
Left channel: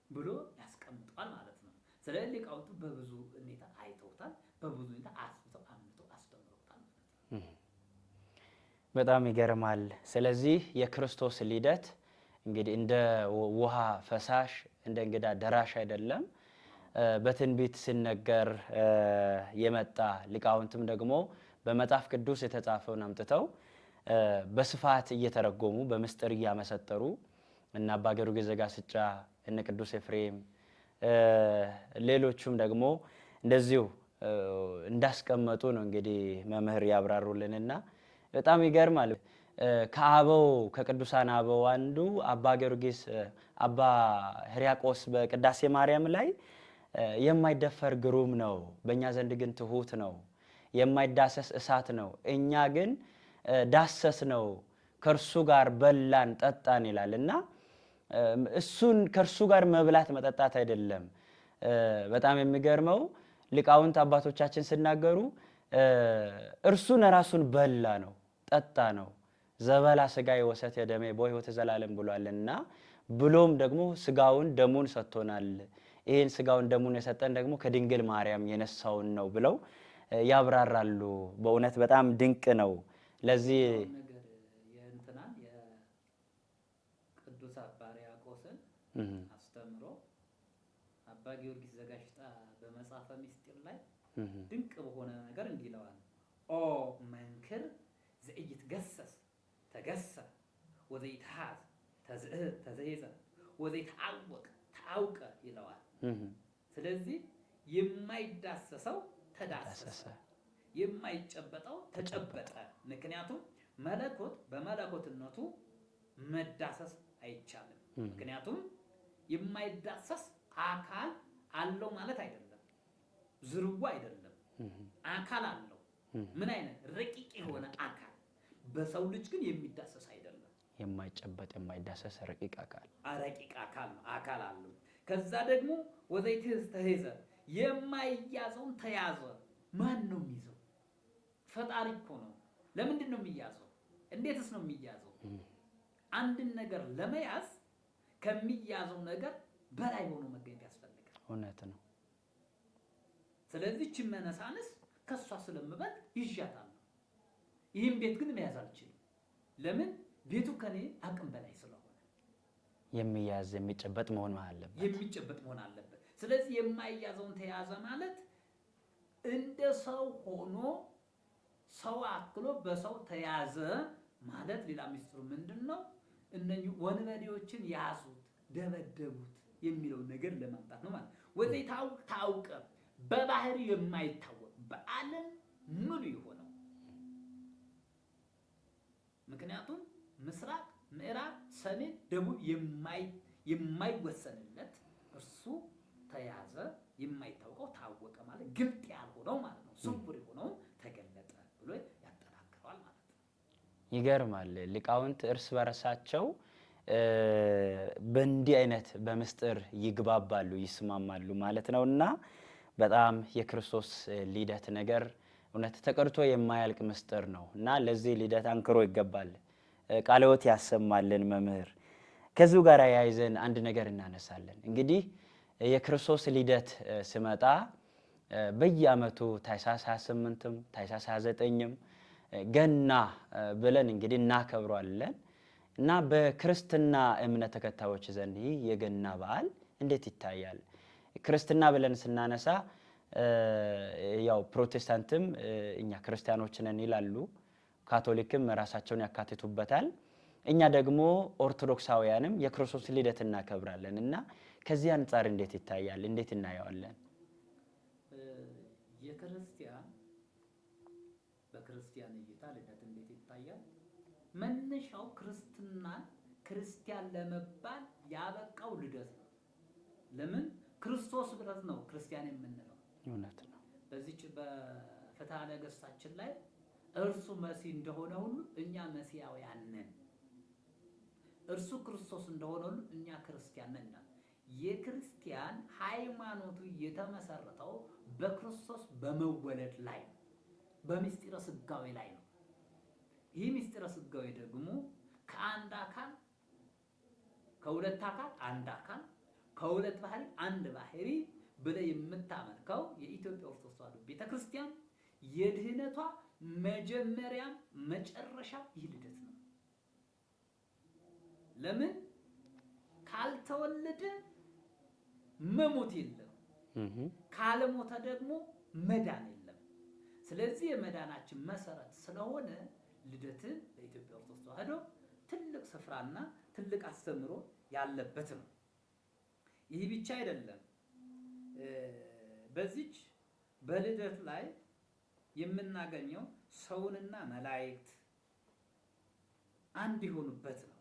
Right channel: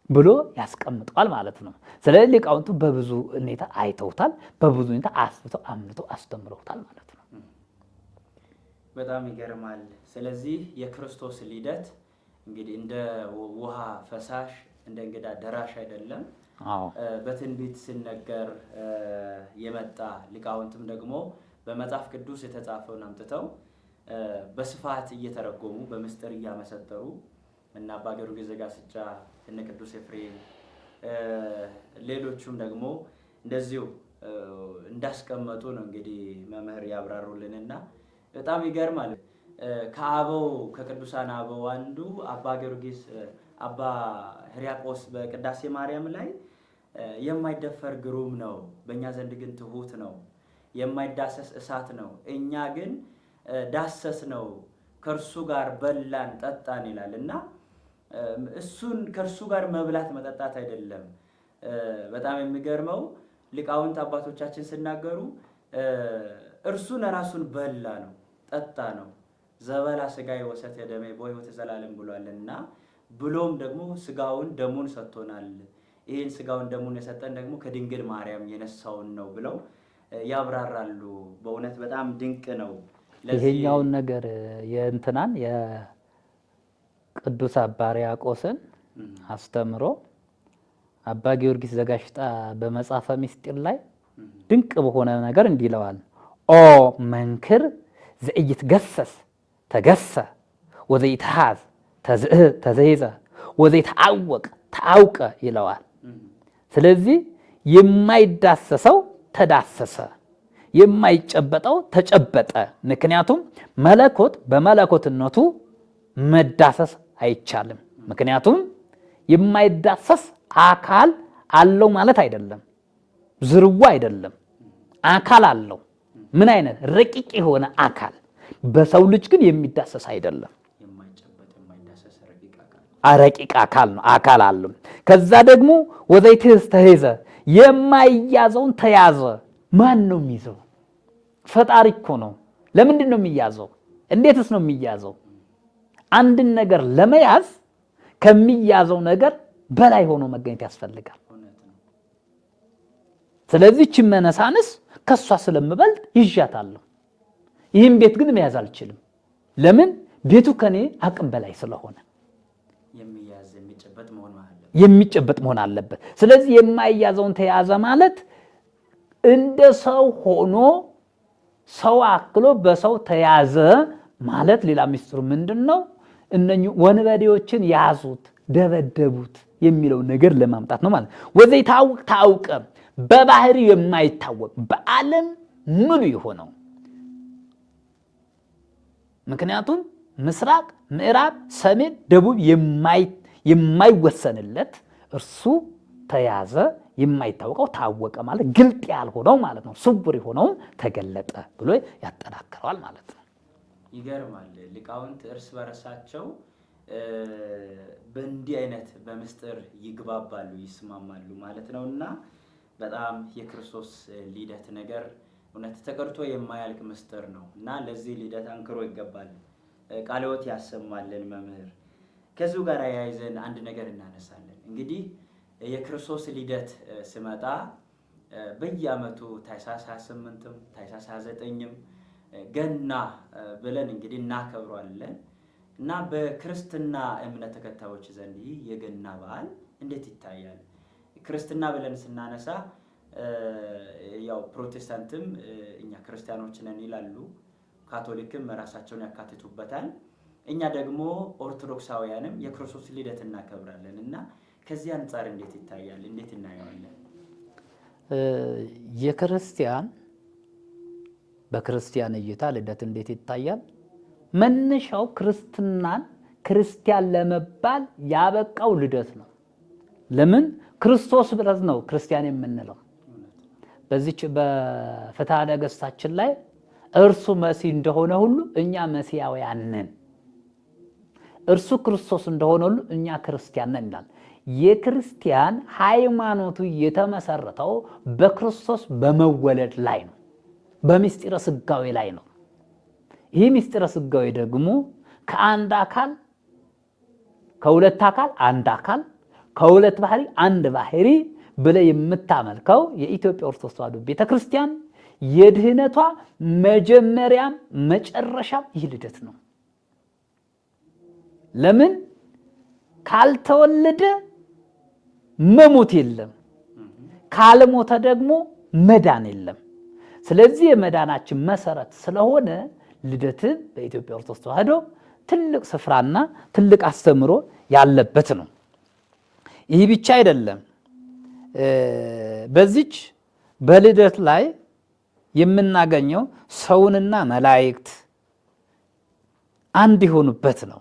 ብሎ ያስቀምጠዋል ማለት ነው። ስለዚህ ሊቃውንቱ በብዙ ሁኔታ አይተውታል፣ በብዙ ሁኔታ አስፍተው አምልተው አስተምረውታል ማለት ነው። በጣም ይገርማል። ስለዚህ የክርስቶስ ልደት እንግዲህ እንደ ውሃ ፈሳሽ እንደ እንግዳ ደራሽ አይደለም። በትንቢት ሲነገር የመጣ ሊቃውንትም ደግሞ በመጽሐፍ ቅዱስ የተጻፈውን አምጥተው በስፋት እየተረጎሙ በምስጢር እያመሰጠሩ እና አባ ጊዮርጊስ ዘጋስጫ እነ ቅዱስ ኤፍሬም ሌሎቹም ደግሞ እንደዚሁ እንዳስቀመጡ ነው እንግዲህ መምህር ያብራሩልንና በጣም ይገርማል። ከአበው ከቅዱሳን አበው አንዱ አባ ጊዮርጊስ አባ ሕርያቆስ በቅዳሴ ማርያም ላይ የማይደፈር ግሩም ነው፣ በእኛ ዘንድ ግን ትሁት ነው፣ የማይዳሰስ እሳት ነው፣ እኛ ግን ዳሰስ ነው፣ ከእርሱ ጋር በላን ጠጣን ይላል እና እሱን ከእርሱ ጋር መብላት መጠጣት አይደለም። በጣም የሚገርመው ሊቃውንት አባቶቻችን ሲናገሩ እርሱን ራሱን በላ ነው ጠጣ ነው። ዘበላ ስጋዬ ወሰተ ደሜ በሕይወተ ዘላለም ብሏልና ብሎም ደግሞ ስጋውን ደሙን ሰጥቶናል። ይህን ስጋውን ደሙን የሰጠን ደግሞ ከድንግል ማርያም የነሳውን ነው ብለው ያብራራሉ። በእውነት በጣም ድንቅ ነው። ይሄኛውን ነገር የእንትናን የቅዱስ አባ ሕርያቆስን አስተምሮ አባ ጊዮርጊስ ዘጋሽጣ በመጽሐፈ ምስጢር ላይ ድንቅ በሆነ ነገር እንዲህ ይለዋል። ኦ መንክር ዘኢይትገሰስ ተገሰ ወዘኢትሃዝ ተዘይዘ ወዘኢትዐወቅ ተዐውቀ ይለዋል። ስለዚህ የማይዳሰሰው ተዳሰሰ፣ የማይጨበጠው ተጨበጠ። ምክንያቱም መለኮት በመለኮትነቱ መዳሰስ አይቻልም። ምክንያቱም የማይዳሰስ አካል አለው ማለት አይደለም፣ ዝርዋ አይደለም፣ አካል አለው። ምን አይነት ረቂቅ የሆነ አካል፣ በሰው ልጅ ግን የሚዳሰስ አይደለም። የማይጨበጥ የማይዳሰስ ረቂቅ አካል ረቂቅ አካል ነው፣ አካል አለው። ከዛ ደግሞ ወዘይትህዝ ተሄዘ፣ የማይያዘውን ተያዘ። ማን ነው የሚይዘው? ፈጣሪ እኮ ነው። ለምንድን ነው የሚያዘው? እንዴትስ ነው የሚያዘው? አንድን ነገር ለመያዝ ከሚያዘው ነገር በላይ ሆኖ መገኘት ያስፈልጋል። ስለዚህ እቺ መነሳንስ ከሷ ስለምበልጥ ይዣታለሁ። ይህም ቤት ግን መያዝ አልችልም። ለምን? ቤቱ ከኔ አቅም በላይ ስለሆነ የሚያዝ የሚጨበጥ መሆን አለበት። ስለዚህ የማይያዘውን ተያዘ ማለት እንደ ሰው ሆኖ ሰው አክሎ በሰው ተያዘ ማለት ሌላ ምስጢሩ ምንድነው? እነኚህ ወንበዴዎችን ያዙት፣ ደበደቡት የሚለው ነገር ለማምጣት ነው ማለት። ወዘኢትዐወቅ ተዐውቀ፣ በባህሪ የማይታወቅ በዓለም ሙሉ የሆነው። ምክንያቱም ምስራቅ፣ ምዕራብ፣ ሰሜን፣ ደቡብ የማይወሰንለት እርሱ ተያዘ። የማይታወቀው ታወቀ ማለት ግልጥ ያልሆነው ማለት ነው። ስውር የሆነውም ተገለጠ ብሎ ያጠናክረዋል ማለት ነው። ይገርማል። ሊቃውንት እርስ በርሳቸው በእንዲህ አይነት በምስጢር ይግባባሉ፣ ይስማማሉ ማለት ነው። እና በጣም የክርስቶስ ልደት ነገር እውነት ተቀርቶ የማያልቅ ምስጢር ነው እና ለዚህ ልደት አንክሮ ይገባል። ቃለ ሕይወት ያሰማልን መምህር። ከዚሁ ጋር ያይዘን አንድ ነገር እናነሳለን። እንግዲህ የክርስቶስ ልደት ሲመጣ በየዓመቱ ታኅሳስ 28ም ታኅሳስ 29ም ገና ብለን እንግዲህ እናከብረዋለን እና በክርስትና እምነት ተከታዮች ዘንድ ይህ የገና በዓል እንዴት ይታያል? ክርስትና ብለን ስናነሳ ያው ፕሮቴስታንትም እኛ ክርስቲያኖች ነን ይላሉ፣ ካቶሊክም ራሳቸውን ያካትቱበታል። እኛ ደግሞ ኦርቶዶክሳውያንም የክርስቶስ ልደት እናከብራለን እና ከዚህ አንጻር እንዴት ይታያል? እንዴት እናየዋለን? የክርስቲያን በክርስቲያን እይታ ልደት እንዴት ይታያል? መነሻው ክርስትናን ክርስቲያን ለመባል ያበቃው ልደት ነው። ለምን? ክርስቶስ ብለን ነው ክርስቲያን የምንለው። በዚች በፍትሐ ነገሥታችን ላይ እርሱ መሲህ እንደሆነ ሁሉ እኛ መሲያውያን ነን፣ እርሱ ክርስቶስ እንደሆነ ሁሉ እኛ ክርስቲያን ነን ይላል። የክርስቲያን ሃይማኖቱ የተመሰረተው በክርስቶስ በመወለድ ላይ ነው፣ በምስጢረ ሥጋዌ ላይ ነው። ይህ ምስጢረ ሥጋዌ ደግሞ ከአንድ አካል ከሁለት አካል አንድ አካል ከሁለት ባህሪ አንድ ባህሪ ብለ የምታመልከው የኢትዮጵያ ኦርቶዶክስ ተዋሕዶ ቤተክርስቲያን የድህነቷ መጀመሪያም መጨረሻም ይህ ልደት ነው። ለምን? ካልተወለደ መሞት የለም፣ ካልሞተ ደግሞ መዳን የለም። ስለዚህ የመዳናችን መሰረት ስለሆነ ልደትን በኢትዮጵያ ኦርቶዶክስ ተዋሕዶ ትልቅ ስፍራና ትልቅ አስተምሮ ያለበት ነው። ይህ ብቻ አይደለም። በዚች በልደት ላይ የምናገኘው ሰውንና መላእክት አንድ የሆኑበት ነው።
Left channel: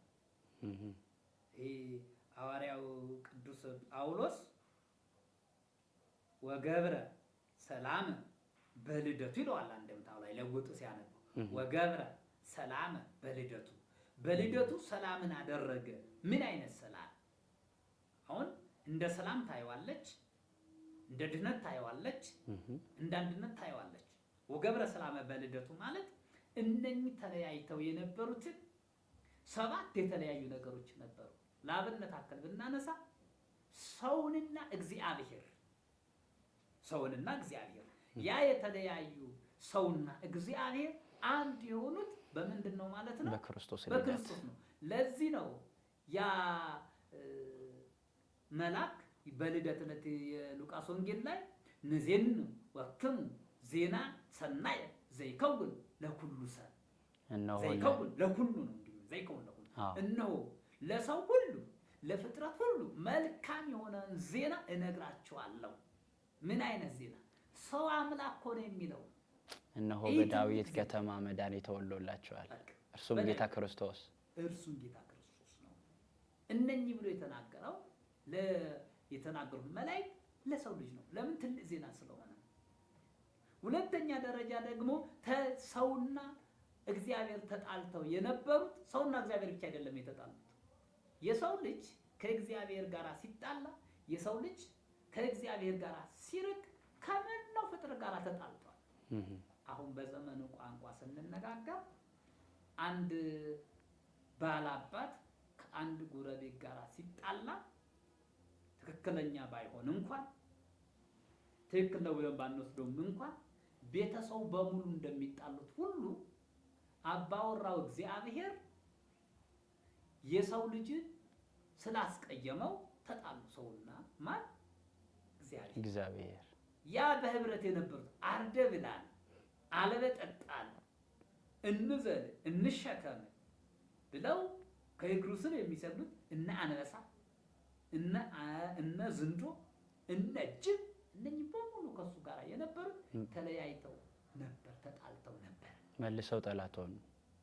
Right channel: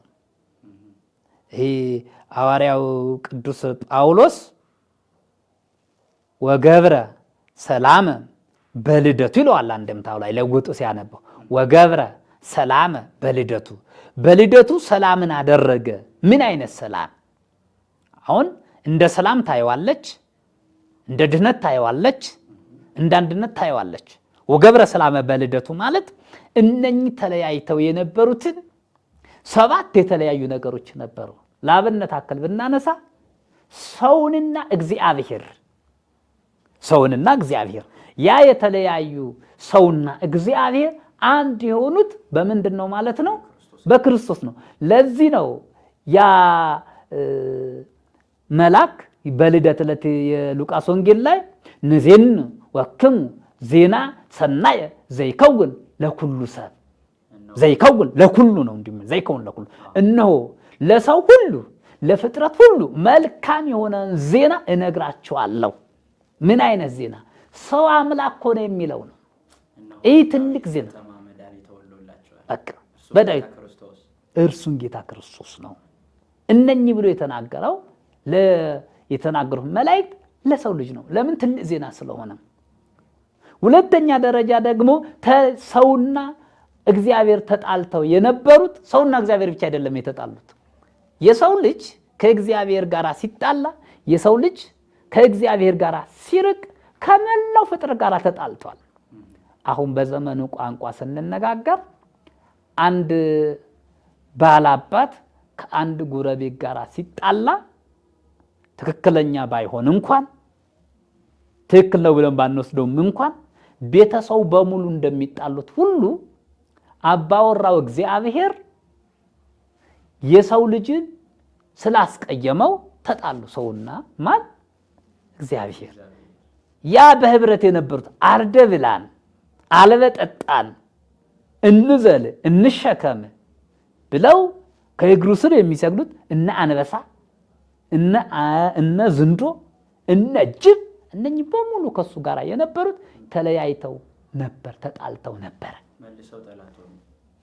ይህ ሐዋርያው ቅዱስ ጳውሎስ ወገብረ ሰላመ በልደቱ ይለዋል። አንድምታው ላይ ለውጡ ሲያነበው ወገብረ ሰላመ በልደቱ፣ በልደቱ ሰላምን አደረገ። ምን አይነት ሰላም? አሁን እንደ ሰላም ታየዋለች፣ እንደ ድህነት ታየዋለች፣ እንደ አንድነት ታየዋለች። ወገብረ ሰላመ በልደቱ ማለት እነኚህ ተለያይተው የነበሩትን 7 የተለያዩ ነገሮች ነበሩ። ለአብነት አክል ብናነሳ ሰውንና እግዚአብሔር፣ ሰውንና እግዚአብሔር፣ ያ የተለያዩ ሰውና እግዚአብሔር አንድ የሆኑት በምንድን ነው ማለት ነው? በክርስቶስ ነው። ለዚህ ነው ያ መልአክ በልደት ዕለት የሉቃስ ወንጌል ላይ ንዜን ወክሙ ዜና ሰናየ ዘይከውን ለኩሉ ሰብ፣ ዘይከውን ለኩሉ ነው እንዲህ ዘይከውን ለኩሉ፣ እነሆ ለሰው ሁሉ ለፍጥረት ሁሉ መልካም የሆነ ዜና እነግራቸዋለሁ። ምን አይነት ዜና? ሰው አምላክ ሆነ የሚለው ነው። ይህ ትልቅ ዜና በዳዊት እርሱን ጌታ ክርስቶስ ነው። እነኚህ ብሎ የተናገረው የተናገሩት መላእክት ለሰው ልጅ ነው። ለምን? ትልቅ ዜና ስለሆነ። ሁለተኛ ደረጃ ደግሞ ሰውና እግዚአብሔር ተጣልተው የነበሩት፣ ሰውና እግዚአብሔር ብቻ አይደለም የተጣሉት። የሰው ልጅ ከእግዚአብሔር ጋር ሲጣላ፣ የሰው ልጅ ከእግዚአብሔር ጋር ሲርቅ ከመላው ፍጥረት ጋር ተጣልቷል። አሁን በዘመኑ ቋንቋ ስንነጋገር አንድ ባላባት ከአንድ ጎረቤት ጋር ሲጣላ ትክክለኛ ባይሆን እንኳን ትክክል ነው ብለን ባንወስደውም እንኳን ቤተሰቡ በሙሉ እንደሚጣሉት ሁሉ አባወራው እግዚአብሔር የሰው ልጅን ስላስቀየመው ተጣሉ። ሰውና ማን? እግዚአብሔር። ያ በህብረት የነበሩት አርደ ብላን፣ አልበጠጣን፣ እንዘል፣ እንሸከም ብለው ከእግሩ ስር የሚሰግዱት እነ አንበሳ፣ እነ ዝንዶ፣ እነ ጅብ፣ እነኚህ በሙሉ ከሱ ጋር የነበሩት ተለያይተው ነበር፣ ተጣልተው ነበር። መልሰው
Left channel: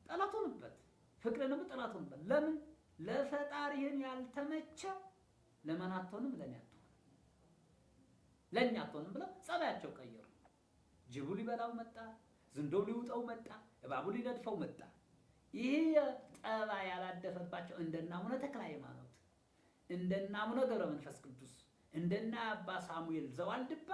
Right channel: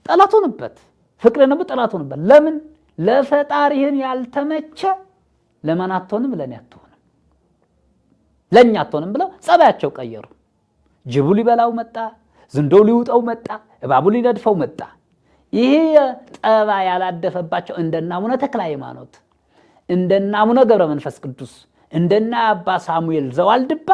ጠላት ሆኑበት። ፍቅር ነው ጠላት ሆነበት። ለምን ለፈጣሪህን ያልተመቸ ለማን አትሆንም? ለኔ አትሆንም፣ ለኛ አትሆንም ብለው ጸባያቸው ቀየሩ። ጅቡ ሊበላው መጣ፣ ዝንዶው ሊውጠው መጣ፣ እባቡ ሊነድፈው መጣ። ይሄ ጠባ ያላደፈባቸው እንደና አቡነ ተክለ ሃይማኖት፣ እንደና አቡነ ገብረ መንፈስ ቅዱስ፣ እንደና አባ ሳሙኤል ዘዋልድባ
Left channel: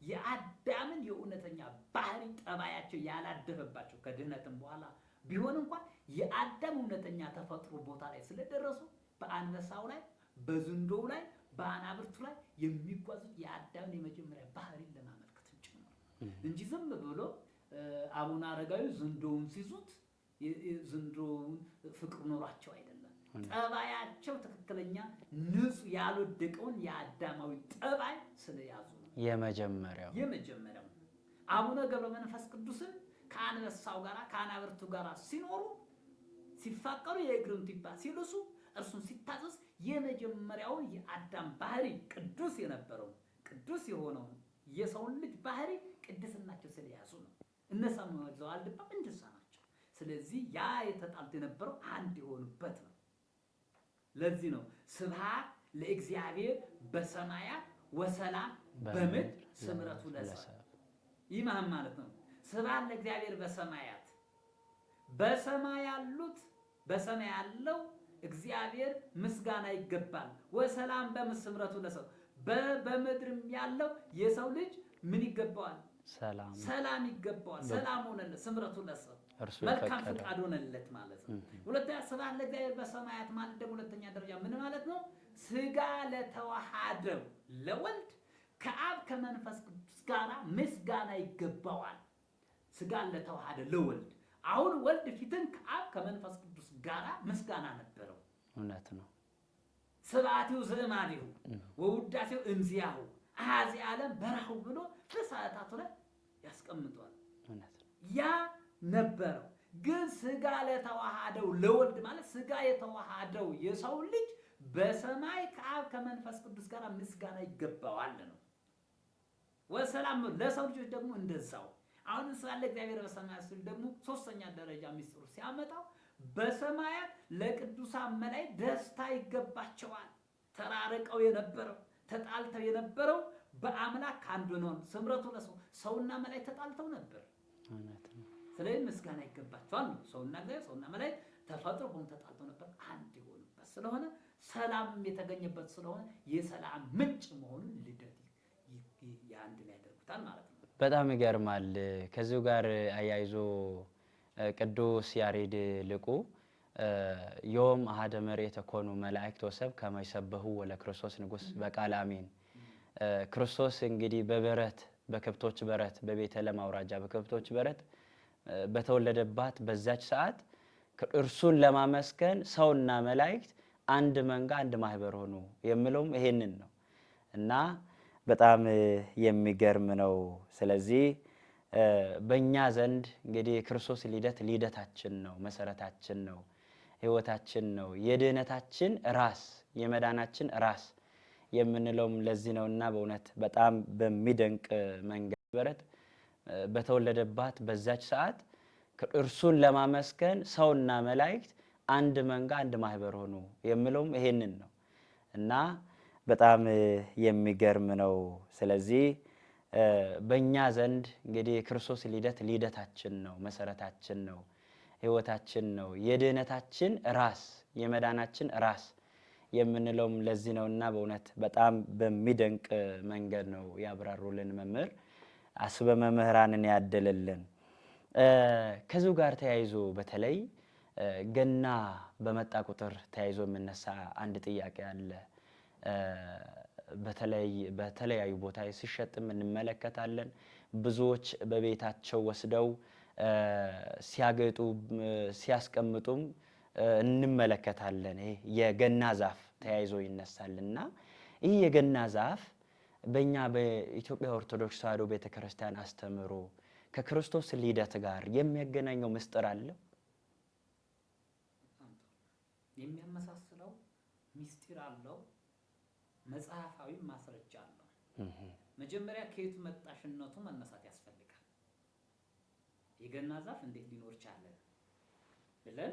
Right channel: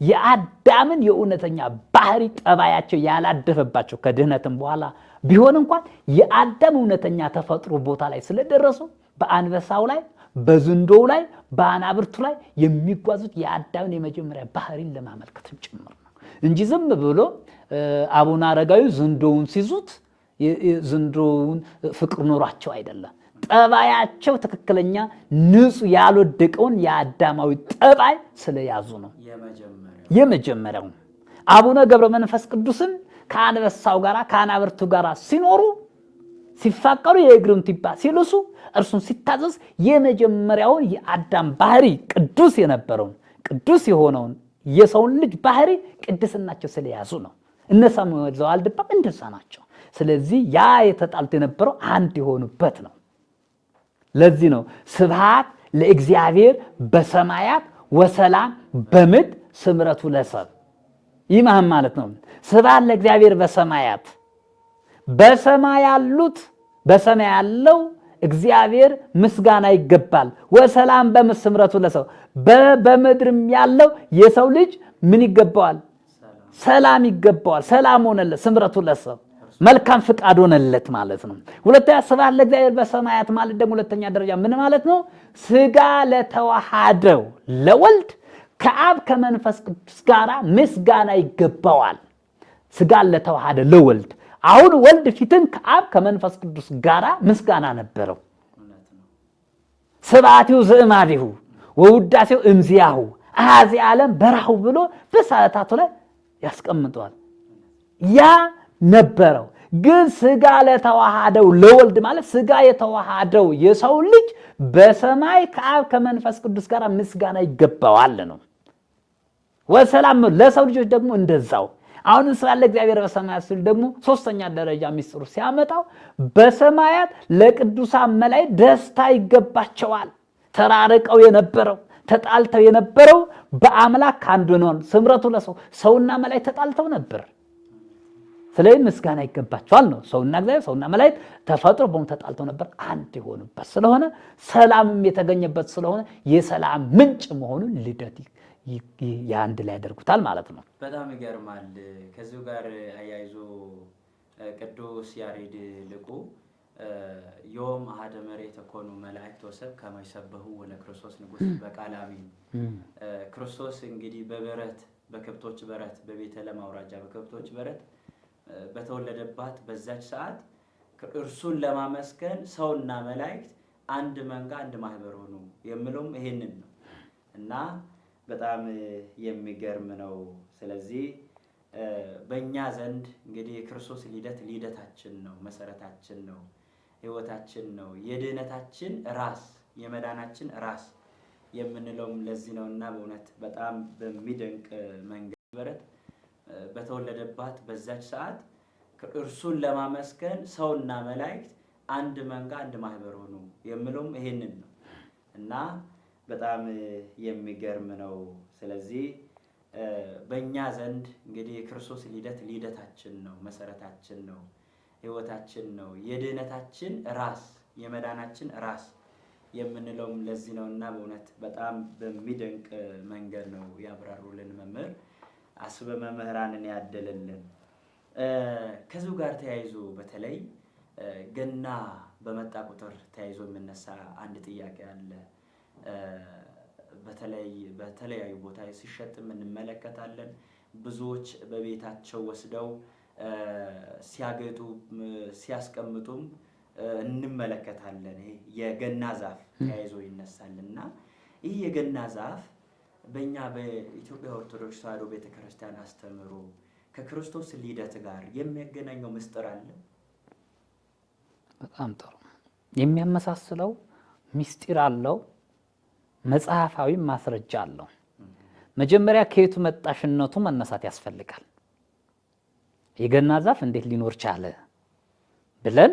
የአዳምን የእውነተኛ ባህሪ ጠባያቸው ያላደፈባቸው ከድህነትም በኋላ ቢሆን እንኳን የአዳም እውነተኛ ተፈጥሮ ቦታ ላይ ስለደረሱ በአንበሳው ላይ፣ በዝንዶው ላይ፣ በአናብርቱ ላይ የሚጓዙት የአዳምን የመጀመሪያ ባህሪን ለማመልከትም ጭምር ነው እንጂ ዝም ብሎ አቡነ አረጋዊ ዝንዶውን ሲዙት ዝንዶውን ፍቅር ኖሯቸው አይደለም። ጠባያቸው ትክክለኛ ንጹህ ያልወደቀውን የአዳማዊ ጠባይ ስለያዙ ነው። የመጀመሪያው አቡነ ገብረ መንፈስ ቅዱስም ከአንበሳው ጋራ ከአናብርቱ ጋራ ሲኖሩ ሲፋቀሩ የእግሩን ቲባ ሲልሱ እርሱን ሲታዘዝ የመጀመሪያውን የአዳም ባህሪ ቅዱስ የነበረውን ቅዱስ የሆነውን የሰውን ልጅ ባህሪ ቅድስናቸው ስለያዙ ነው። እነ ሳሙኤል ዘዋልድባም እንደዛ ናቸው። ስለዚህ ያ የተጣልቶ የነበረው አንድ የሆኑበት ነው። ለዚህ ነው ስብሐት ለእግዚአብሔር በሰማያት ወሰላም በምድር ስምረቱ ለሰብ። ይህ ማለት ነው ስብሐት ለእግዚአብሔር በሰማያት፣ በሰማይ ያሉት በሰማይ ያለው እግዚአብሔር ምስጋና ይገባል። ወሰላም በምድር ስምረቱ ለሰብ፣ በምድርም ያለው የሰው ልጅ ምን ይገባዋል? ሰላም ይገባዋል። ሰላም ሆነለት፣ ስምረቱ ለሰብ መልካም ፍቃድ ሆነለት ማለት ነው። ሁለተኛ ስብሐት ለእግዚአብሔር በሰማያት ማለት ደግሞ ሁለተኛ ደረጃ ምን ማለት ነው? ስጋ ለተዋሃደው ለወልድ ከአብ ከመንፈስ ቅዱስ ጋር ምስጋና ይገባዋል። ስጋ ለተዋሃደ ለወልድ አሁን ወልድ ፊትን ከአብ ከመንፈስ ቅዱስ ጋር ምስጋና ነበረው። ስብሐቲሁ ዘእማዲሁ ወውዳሴው እምዚያሁ አሐዜ ዓለም በራሁ ብሎ በሰዓታቱ ላይ ያስቀምጠዋል። ያ ነበረው። ግን ስጋ ለተዋሃደው ለወልድ ማለት ስጋ የተዋሃደው የሰው ልጅ በሰማይ ከአብ ከመንፈስ ቅዱስ ጋር ምስጋና ይገባዋል ነው። ወሰላም ለሰው ልጆች ደግሞ እንደዛው። አሁን ስላለ እግዚአብሔር በሰማያት ሲል ደግሞ ሶስተኛ ደረጃ ሚስጥሩ ሲያመጣው በሰማያት ለቅዱሳን መላእክት ደስታ ይገባቸዋል። ተራርቀው የነበረው ተጣልተው የነበረው በአምላክ አንድ ነው። ስምረቱ ለሰው ሰውና መላእክት ተጣልተው ነበር። ስለዚህ ምስጋና ይገባቸዋል ነው። ሰውና እግዚአብሔር ሰውና መላእክት ተፈጥሮ በመሆኑ ተጣልተው ነበር፣ አንድ የሆኑበት ስለሆነ ሰላምም የተገኘበት ስለሆነ የሰላም ምንጭ መሆኑን ልደት የአንድ ላይ ያደርጉታል ማለት ነው። በጣም ይገርማል። ከዚሁ ጋር አያይዞ ቅዱስ ያሬድ ልቁ ዮም አሐደ መሬት ኮኑ መላእክት ወሰብ ከመ ይሰብሑ ወለክርስቶስ ንጉሥ በቃለ አሜን። ክርስቶስ እንግዲህ በበረት በከብቶች በረት በቤተልሔም አውራጃ በከብቶች በረት በተወለደባት በዛች ሰዓት እርሱን ለማመስገን ሰውና መላእክት አንድ መንጋ አንድ ማህበር ሆኑ የሚለውም ይሄንን ነው እና በጣም የሚገርም ነው። ስለዚህ በእኛ ዘንድ እንግዲህ ክርስቶስ ልደታችን ነው፣ መሰረታችን ነው፣ ህይወታችን ነው፣ የድህነታችን ራስ የመዳናችን ራስ የምንለውም ለዚህ ነውና በእውነት በጣም በሚደንቅ መንገድ በረት በተወለደባት በዛች ሰዓት እርሱን ለማመስገን ሰውና መላእክት አንድ መንጋ አንድ ማህበር ሆኑ የሚለውም ይሄንን ነው እና በጣም የሚገርም ነው። ስለዚህ በእኛ ዘንድ እንግዲህ ክርስቶስ ልደታችን ነው፣ መሰረታችን ነው፣ ህይወታችን ነው፣ የድህነታችን ራስ የመዳናችን ራስ የምንለውም ለዚህ ነውና በእውነት በጣም በሚደንቅ መንገድ ነው ያብራሩልን መምህር። አስበ መምህራንን ያደለልን። ከዚሁ ጋር ተያይዞ በተለይ ገና በመጣ ቁጥር ተያይዞ የምነሳ አንድ ጥያቄ አለ። በተለያዩ ቦታ ሲሸጥም እንመለከታለን። ብዙዎች በቤታቸው ወስደው ሲያገጡ ሲያስቀምጡም እንመለከታለን። ይሄ የገና ዛፍ ተያይዞ ይነሳልና ይህ የገና ዛፍ በእኛ በኢትዮጵያ ኦርቶዶክስ ተዋሕዶ ቤተክርስቲያን አስተምህሮ ከክርስቶስ ልደት ጋር የሚያገናኘው ምስጢር አለ? በጣም ጥሩ። የሚያመሳስለው ምስጢር አለው፣ መጽሐፋዊ ማስረጃ አለው። መጀመሪያ ከየቱ መጣሽነቱ መነሳት ያስፈልጋል። የገና ዛፍ እንዴት ሊኖር ቻለ ብለን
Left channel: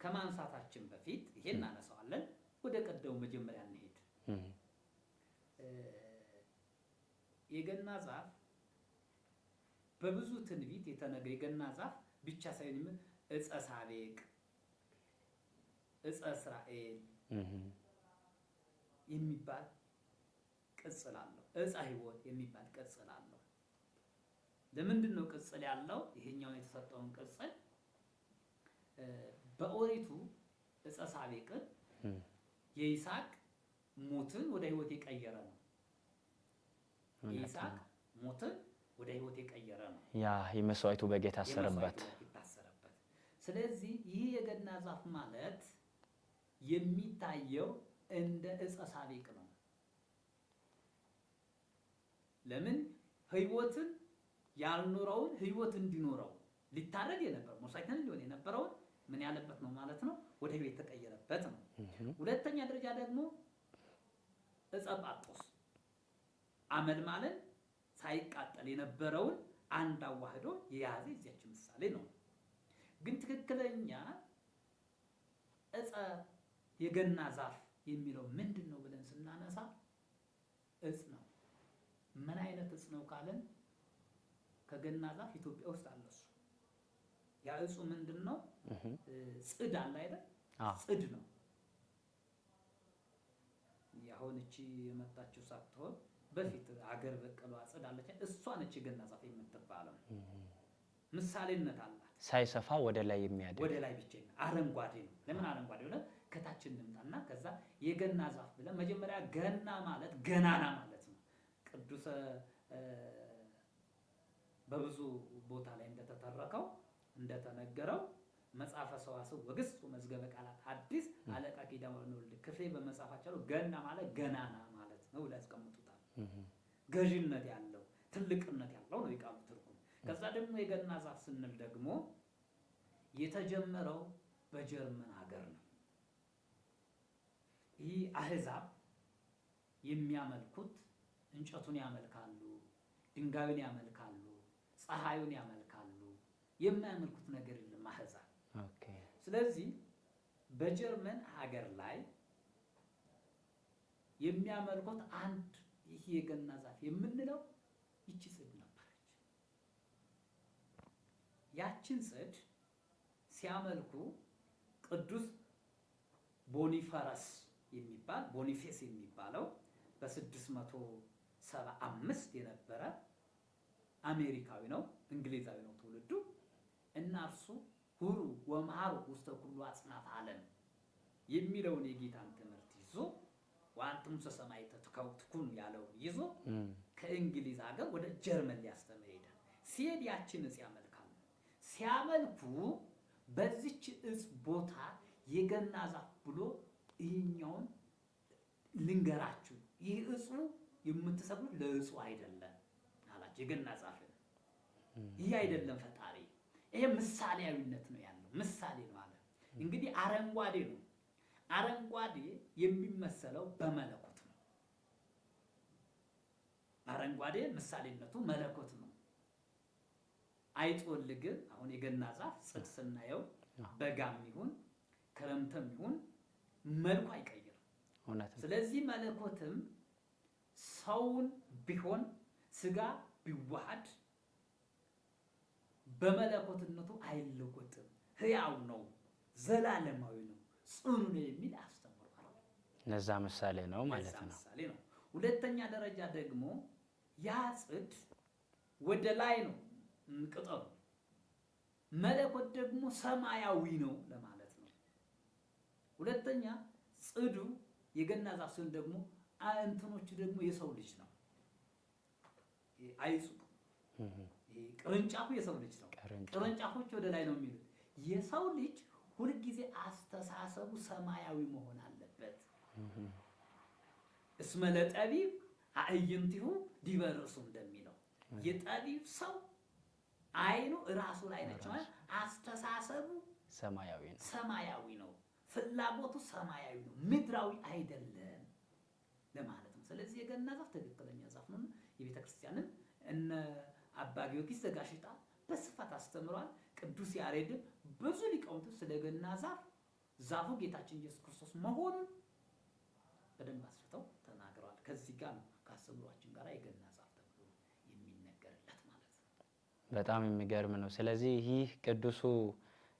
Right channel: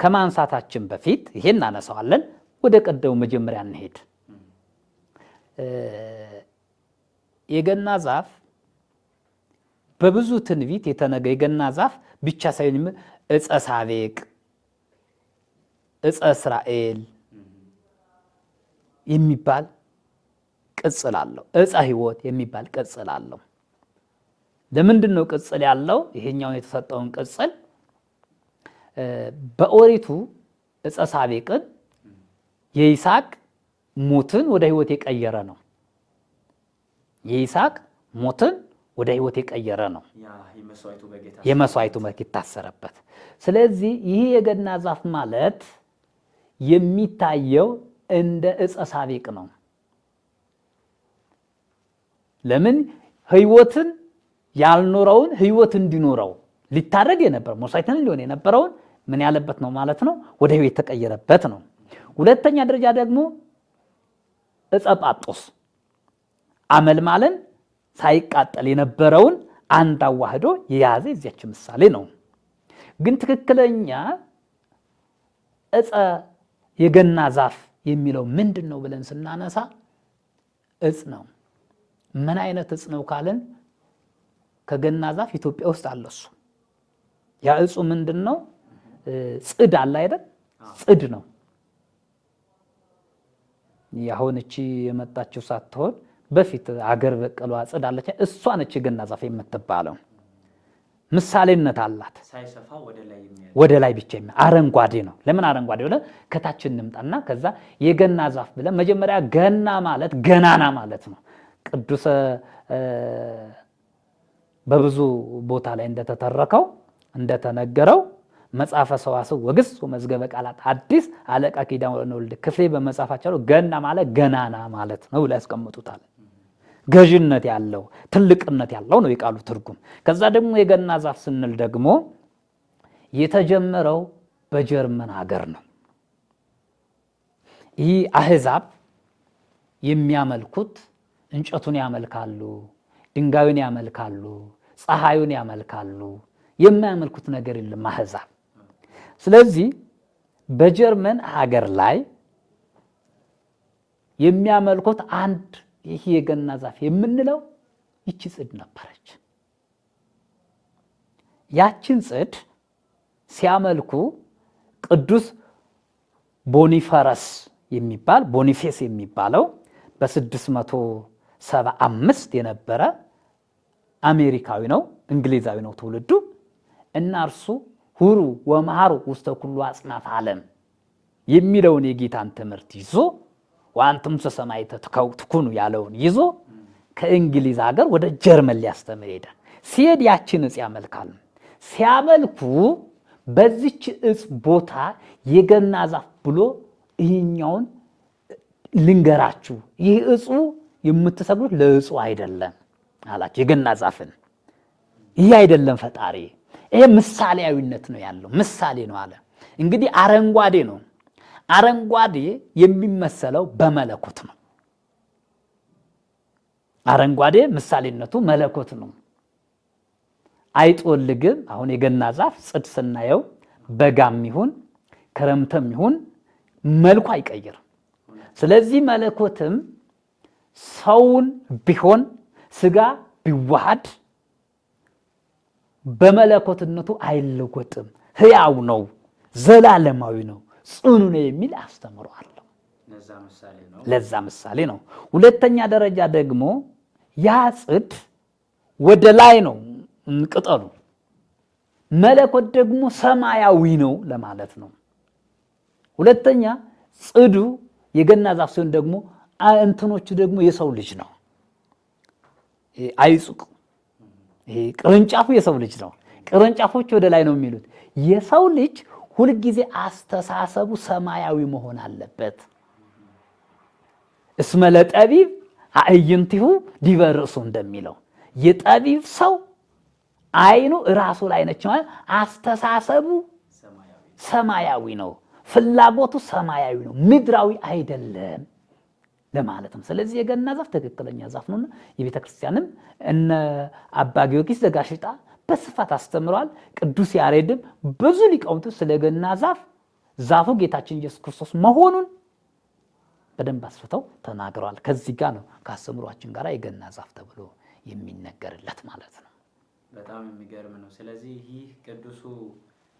ከማንሳታችን በፊት ይሄን እናነሳዋለን። ወደ ቀደሙ መጀመሪያ እንሄድ። የገና ዛፍ በብዙ ትንቢት የተነገ የገና ዛፍ ብቻ ሳይሆን ዕፀ ሳቤቅ፣ ዕፀ እስራኤል የሚባል ቅጽል አለው። ዕፀ ሕይወት የሚባል ቅጽል አለው። ለምንድን ነው ቅጽል ያለው? ይሄኛውን የተሰጠውን ቅጽል በኦሪቱ ዕፀ ሳቤቅን የይስሐቅ ሞትን ወደ ሕይወት የቀየረ ነው። የይስሐቅ ሞትን ወደ ሕይወት የቀየረ ነው። የመስዋዕቱ በግ የታሰረበት። ስለዚህ ይህ የገና ዛፍ ማለት የሚታየው እንደ ዕፀ ሳቤቅ ነው። ለምን? ሕይወትን ያልኖረውን ሕይወት እንዲኖረው ሊታረግ የነበረ መስዋዕትን ሊሆን የነበረውን ምን ያለበት ነው ማለት ነው? ወደ ሕይወት የተቀየረበት ነው። ሁለተኛ ደረጃ ደግሞ ዕፀ ጳጦስ አመልማልን ሳይቃጠል የነበረውን አንድ አዋህዶ የያዘ የዚያች ምሳሌ ነው። ግን ትክክለኛ ዕፀ የገና ዛፍ የሚለው ምንድን ነው ብለን ስናነሳ ዕፅ ነው። ምን አይነት ዕፅ ነው ካልን ከገና ዛፍ ኢትዮጵያ ውስጥ አለ። እሱ ያ ዕፁ ምንድን ነው? ጽድ አለ አይደል? ጽድ ነው። ያሁን እቺ የመጣችው ሳትሆን በፊት አገር በቀሏ ጽድ አለች። እሷ ነች የገና ዛፍ የምትባለው። ምሳሌነት አላት። ሳይሰፋ ወደ ላይ ብቻ አረንጓዴ ነው። ለምን አረንጓዴ ብለን ከታች እንምጣና ከዛ የገና ዛፍ ብለን መጀመሪያ ገና ማለት ገናና ማለት ነው። ቅዱስ በብዙ ቦታ ላይ እንደተተረከው እንደተነገረው መጽሐፈ ሰዋስው ወግስ ወመዝገበ ቃላት ሐዲስ አለቃ ኪዳነ ወልድ ክፍሌ በመጽሐፋቸው ገና ማለት ገናና ማለት ነው ብለው ያስቀምጡታል። ገዥነት ያለው ትልቅነት ያለው ነው የቃሉ ትርጉም። ከዛ ደግሞ የገና ዛፍ ስንል ደግሞ የተጀመረው በጀርመን ሀገር ነው። ይህ አህዛብ የሚያመልኩት እንጨቱን ያመልካሉ፣ ድንጋዩን ያመልካሉ፣ ፀሐዩን ያመልካሉ። የማያመልኩት ነገር የለም አህዛብ። ስለዚህ በጀርመን ሀገር ላይ የሚያመልኩት አንድ ይህ የገና ዛፍ የምንለው ይቺ ጽድ ነበረች። ያችን ጽድ ሲያመልኩ ቅዱስ ቦኒፌስ የሚባለው በ675 የነበረ አሜሪካዊ ነው፣ እንግሊዛዊ ነው ትውልዱ። እና እርሱ ሁሩ ወመሃሩ ውስተ ኩሉ አጽናፈ ዓለም የሚለውን የጌታን ትምህርት ይዞ ወአንቱም ሰማዕተ ትኩኑ ያለውን ይዞ ከእንግሊዝ ሀገር ወደ ጀርመን ሊያስተምር ሄደ። ሲሄድ ያችን ዕፅ ያመልካል። ሲያመልኩ በዚች ዕፅ ቦታ የገና ዛፍ ብሎ ይህኛውን ልንገራችሁ፣ ይህ ዕፁ የምትሰግዱት ለዕፁ አይደለም አላቸው። የገና ዛፍን ይህ አይደለም ፈጣሪ፣ ይሄ ምሳሌያዊነት ነው ያለው፣ ምሳሌ ነው አለ። እንግዲህ አረንጓዴ ነው። አረንጓዴ የሚመሰለው በመለኮት ነው። አረንጓዴ ምሳሌነቱ መለኮት ነው። አይጦልግም። አሁን የገና ዛፍ ጽድ ስናየው በጋም ይሁን ክረምትም ይሁን መልኩ አይቀይርም። ስለዚህ መለኮትም ሰውን ቢሆን ስጋ ቢዋሃድ በመለኮትነቱ አይለወጥም። ሕያው ነው፣ ዘላለማዊ ነው፣ ጽኑ ነው የሚል አስተምሮ አለው። ለዛ ምሳሌ ነው። ሁለተኛ ደረጃ ደግሞ ያ ጽድ ወደ ላይ ነው ቅጠሉ፣ መለኮት ደግሞ ሰማያዊ ነው ለማለት ነው። ሁለተኛ ጽዱ የገና ዛፍ ሲሆን ደግሞ እንትኖቹ ደግሞ የሰው ልጅ ነው። አይጹቅ ቅርንጫፉ የሰው ልጅ ነው። ቅርንጫፎች ወደ ላይ ነው የሚሉት። የሰው ልጅ ሁልጊዜ አስተሳሰቡ ሰማያዊ መሆን አለበት። እስመ ለጠቢብ አዕይንቲሁ ዲበ ርእሱ እንደሚለው የጠቢብ ሰው አይኑ ራሱ ላይ ነች ማለት አስተሳሰቡ ሰማያዊ ነው፣ ፍላጎቱ ሰማያዊ ነው፣ ምድራዊ አይደለም ለማለት ነው። ስለዚህ የገና ዛፍ ትክክለኛ ዛፍ ነውና የቤተ ክርስቲያንም እነ አባ ጊዮርጊስ ዘጋሽጣ በስፋት አስተምረዋል። ቅዱስ ያሬድም ብዙ ሊቃውንቱ ስለ ገና ዛፍ ዛፉ ጌታችን ኢየሱስ ክርስቶስ መሆኑን በደንብ አስፍተው ተናግረዋል። ከዚህ ጋር ነው ከአስተምሯችን ጋር የገና ዛፍ ተብሎ የሚነገርለት ማለት ነው። በጣም የሚገርም ነው። ስለዚህ ይህ ቅዱሱ